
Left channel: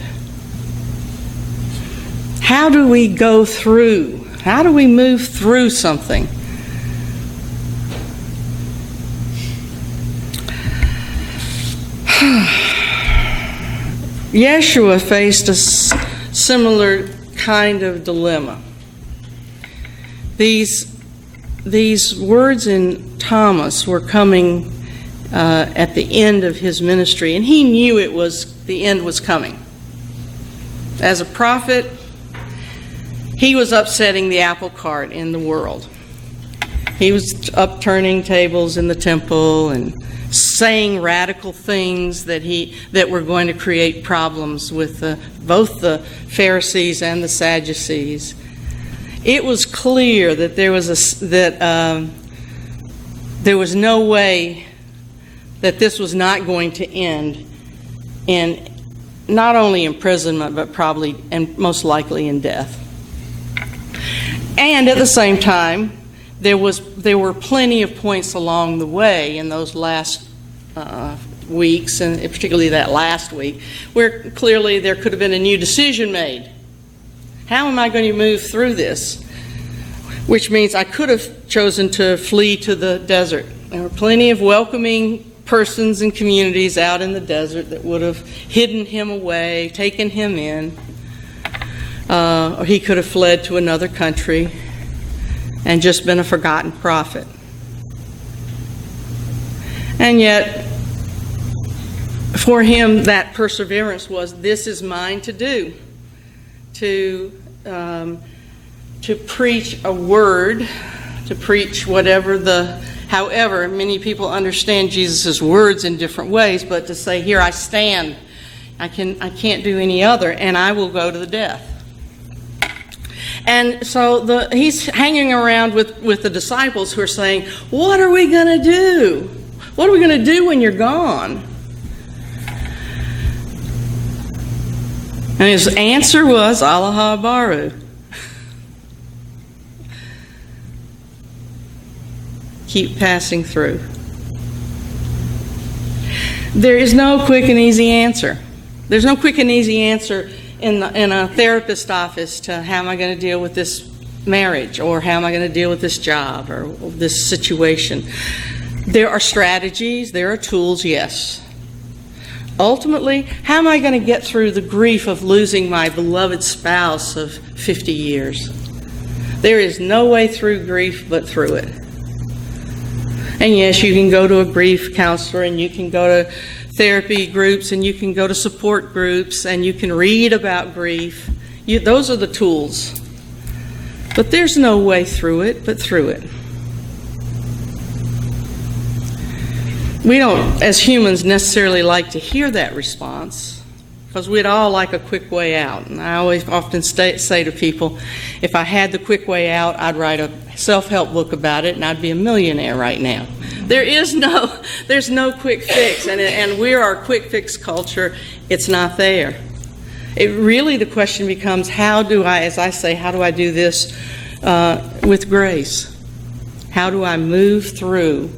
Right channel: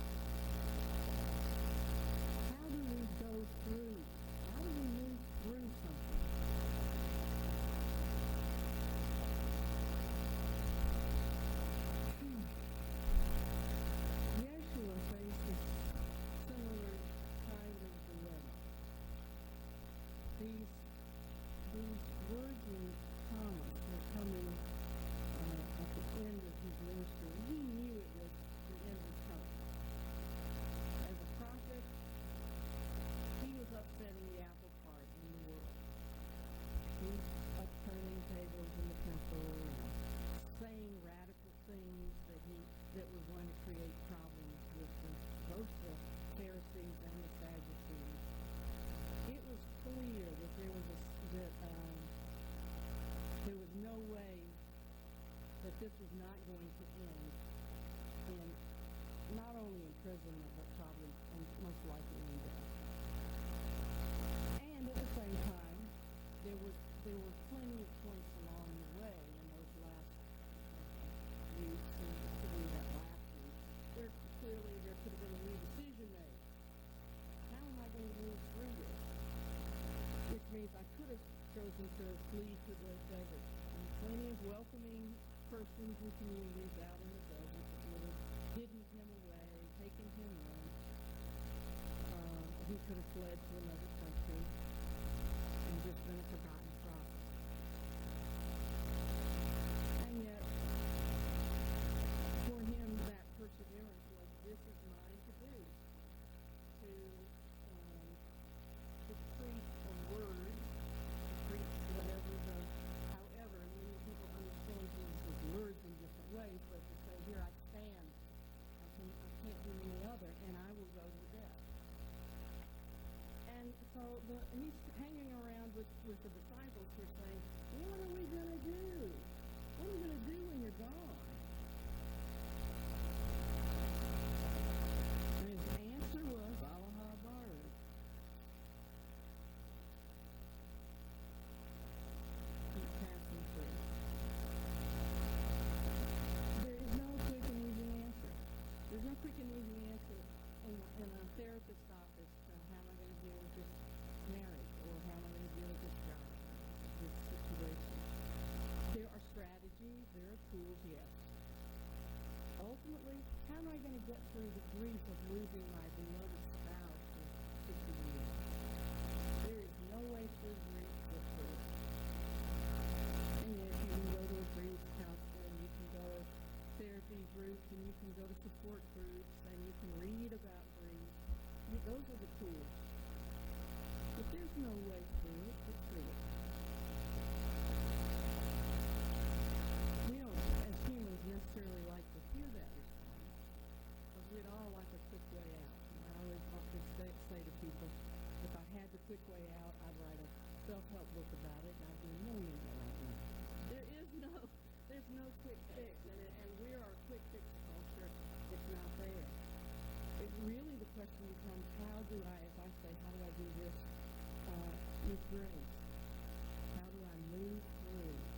How do we go through? How do we move through something? Yeshua faced a similar kind of dilemma. These words in Thomas were coming at the end of his ministry, and he knew the end was coming. As a prophet, he was upsetting the apple cart in the world. He was upturning tables in the temple and saying radical things that were going to create problems with both the Pharisees and the Sadducees. It was clear that there was no way that this was not going to end in not only imprisonment, but probably and most likely in death. And at the same time, there were plenty of points along the way in those last weeks, and particularly that last week, where clearly there could have been a new decision made. How am I going to move through this? Which means I could have chosen to flee to the desert. There were plenty of welcoming persons and communities out in the desert that would have hidden him away, taken him in, or he could have fled to another country and just been a forgotten prophet. And yet, for him, that perseverance was, this is mine to do, to preach a word, to preach however, many people understand Jesus' words in different ways, but to say, here I stand, I can't do any other, and I will go to the death. And so he's hanging around with the disciples who are saying, what are we going to do? What are we going to do when you're gone? And his answer was, Allah Baru. Keep passing through. There is no quick and easy answer. There's no quick and easy answer in a therapist office to how am I going to deal with this marriage, or how am I going to deal with this job or this situation. There are strategies, there are tools, yes. Ultimately, how am I going to get through the grief of losing my beloved spouse of 50 years? There is no way through grief but through it. And yes, you can go to a grief counselor, and you can go to therapy groups, and you can go to support groups, and you can read about grief. Those are the tools. But there's no way through it but through it. We don't, as humans, necessarily like to hear that response, because we'd all like a quick way out. And I often say to people, if I had the quick way out, I'd write a self-help book about it, and I'd be a millionaire right now. There's no quick fix, and we're our quick fix culture. It's not there. The question becomes, how do I do this with grace? How do I move through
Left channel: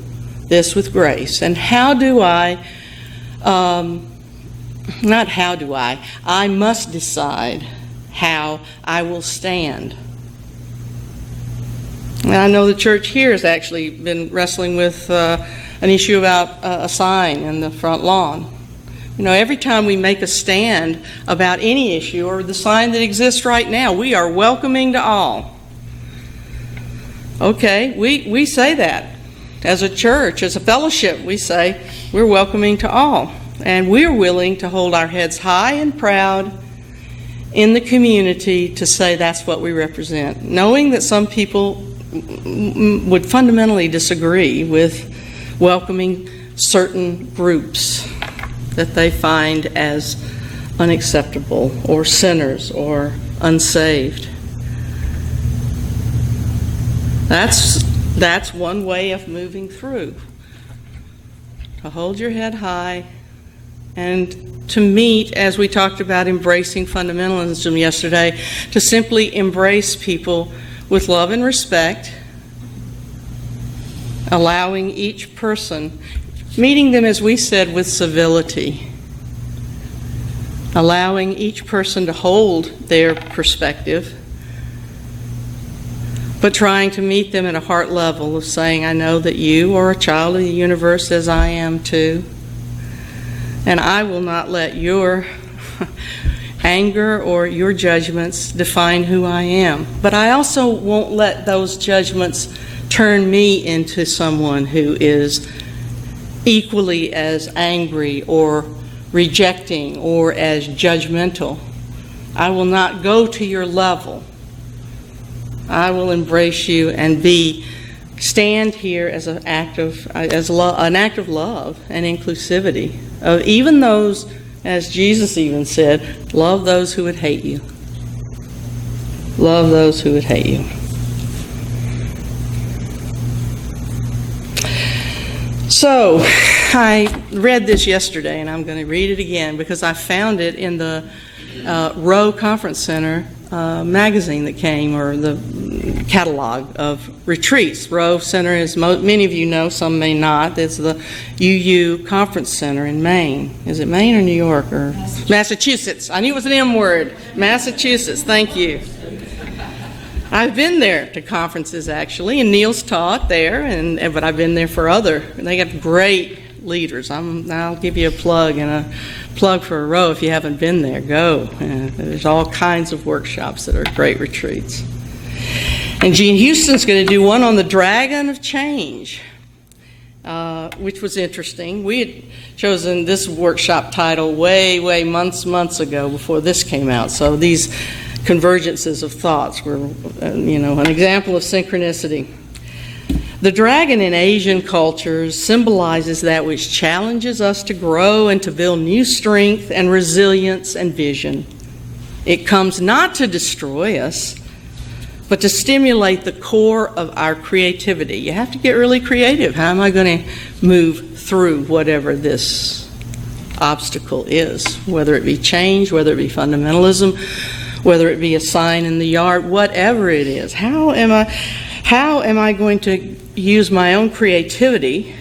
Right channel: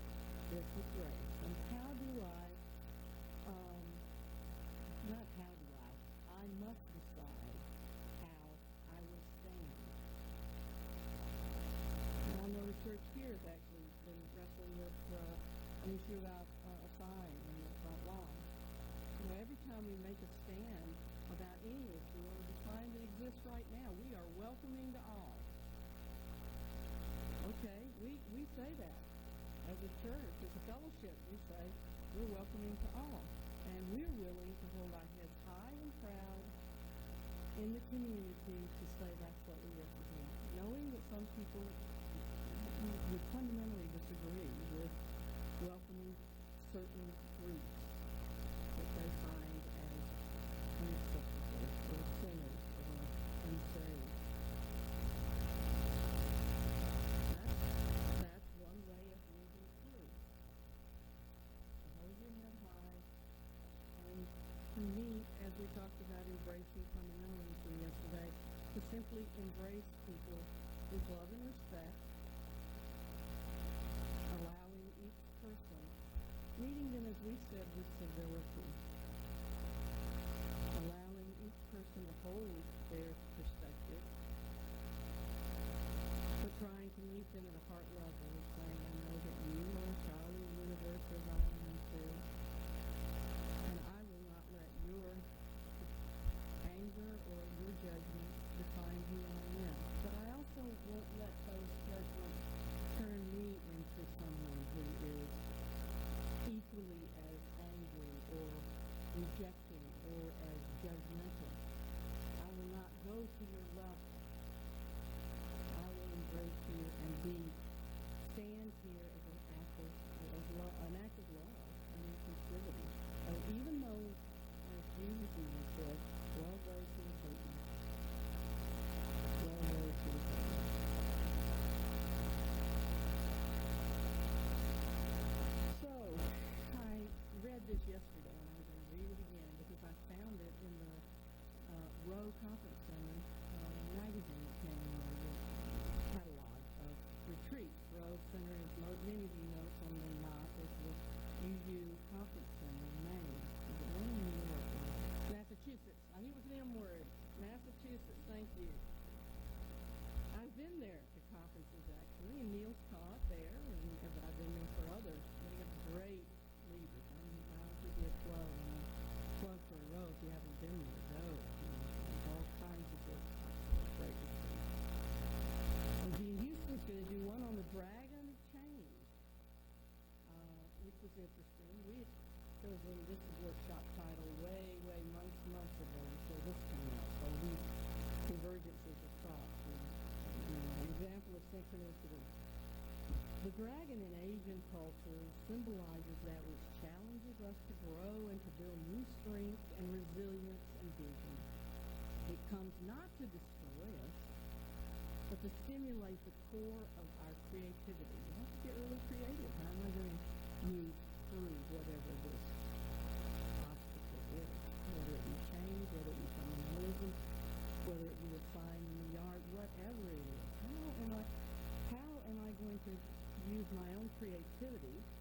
this with grace? And I must decide how I will stand. And I know the church here has actually been wrestling with an issue about a sign in the front lawn. Every time we make a stand about any issue, or the sign that exists right now, we are welcoming to all. Okay, we say that. As a church, as a fellowship, we say we're welcoming to all. And we're willing to hold our heads high and proud in the community to say that's what we represent, knowing that some people would fundamentally disagree with welcoming certain groups that they find as unacceptable or sinners or unsaved. That's one way of moving through. To hold your head high and to meet, as we talked about embracing fundamentalism yesterday, to simply embrace people with love and respect, allowing each person, meeting them, as we said, with civility, allowing each person to hold their perspective, but trying to meet them at a heart level of saying, I know that you are a child of the universe as I am too, and I will not let your anger or your judgments define who I am. But I also won't let those judgments turn me into someone who is equally as angry or rejecting or as judgmental. I will not go to your level. I will embrace you and be stand here as an act of love and inclusivity of even those, as Jesus even said, love those who would hate you. Love those who would hate you. So, I read this yesterday, and I'm going to read it again because I found it in the Rowe Conference Center magazine that came, or the catalog of retreats. Rowe Center, as many of you know, some may not, it's the UU Conference Center in Maine. Is it Maine or New York or Massachusetts? I knew it was an M word. Massachusetts, thank you. I've been there to conferences, actually, and Neil's taught there, but I've been there for other. They got great leaders. I'll give you a plug and a plug for a Rowe. If you haven't been there, go. There's all kinds of workshops that are great retreats. And Gene Houston's going to do one on the Dragon of Change, which was interesting. We had chosen this workshop title way months ago before this came out. So these convergences of thoughts were, an example of synchronicity. The dragon in Asian cultures symbolizes that which challenges us to grow and to build new strength and resilience and vision. It comes not to destroy us, but to stimulate the core of our creativity. You have to get really creative. How am I going to move through whatever this obstacle is, whether it be change, whether it be fundamentalism, whether it be a sign in the yard, whatever it is. How am I going to use my own creativity?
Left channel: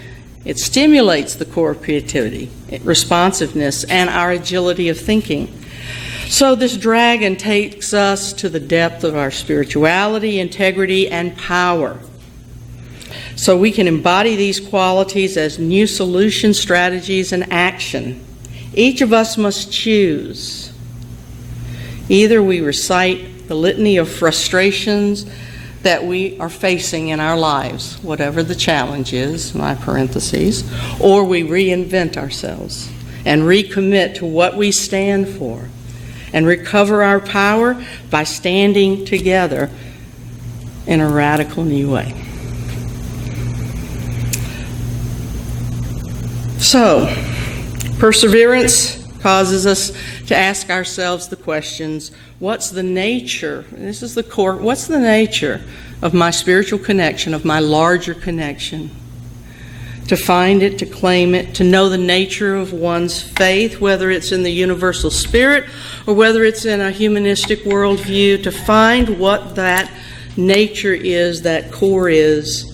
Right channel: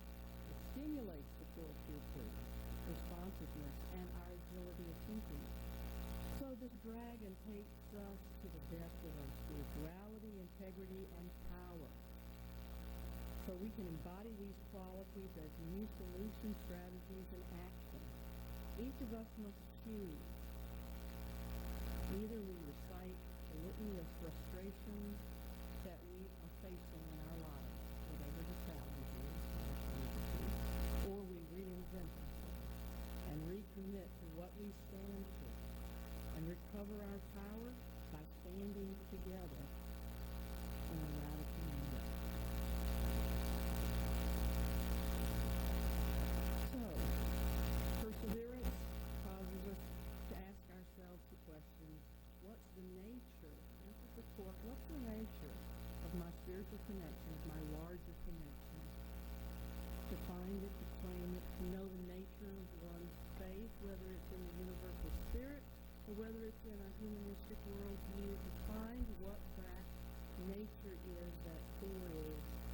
It stimulates the core of creativity, responsiveness, and our agility of thinking. So this dragon takes us to the depth of our spirituality, integrity, and power. So we can embody these qualities as new solution strategies and action. Each of us must choose. Either we recite the litany of frustrations that we are facing in our lives, whatever the challenge is, my parentheses, or we reinvent ourselves and recommit to what we stand for and recover our power by standing together in a radical new way. So, perseverance causes us to ask ourselves the questions, what's the nature, this is the core, what's the nature of my spiritual connection, of my larger connection? To find it, to claim it, to know the nature of one's faith, whether it's in the universal spirit or whether it's in a humanistic worldview, to find what that nature is, that core is,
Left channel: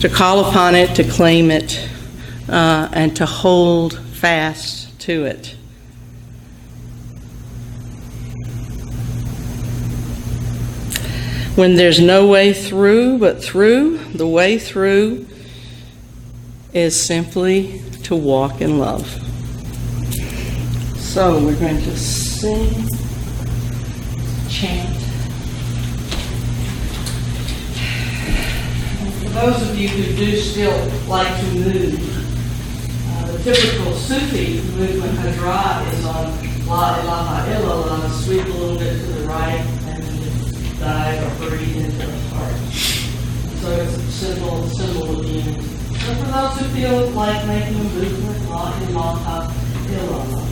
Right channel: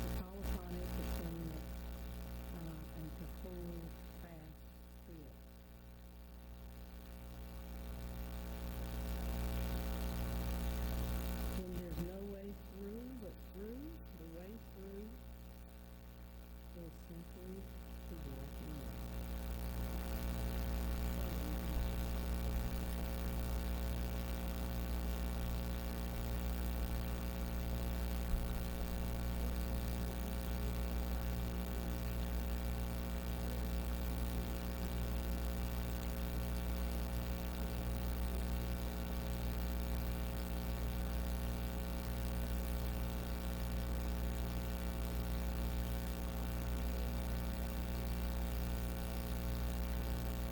to call upon it, to claim it, and to hold fast to it. When there's no way through but through, the way through is simply to walk in love. So we're going to sing, chant. And for those of you who do still like to move, the typical Sufi movement Hadra is on La ilaha illallah, sweep a little bit to the right, and then dive or breathe into the heart. So it's a symbol of unity. So for those who feel like making a movement, La ilaha illallah.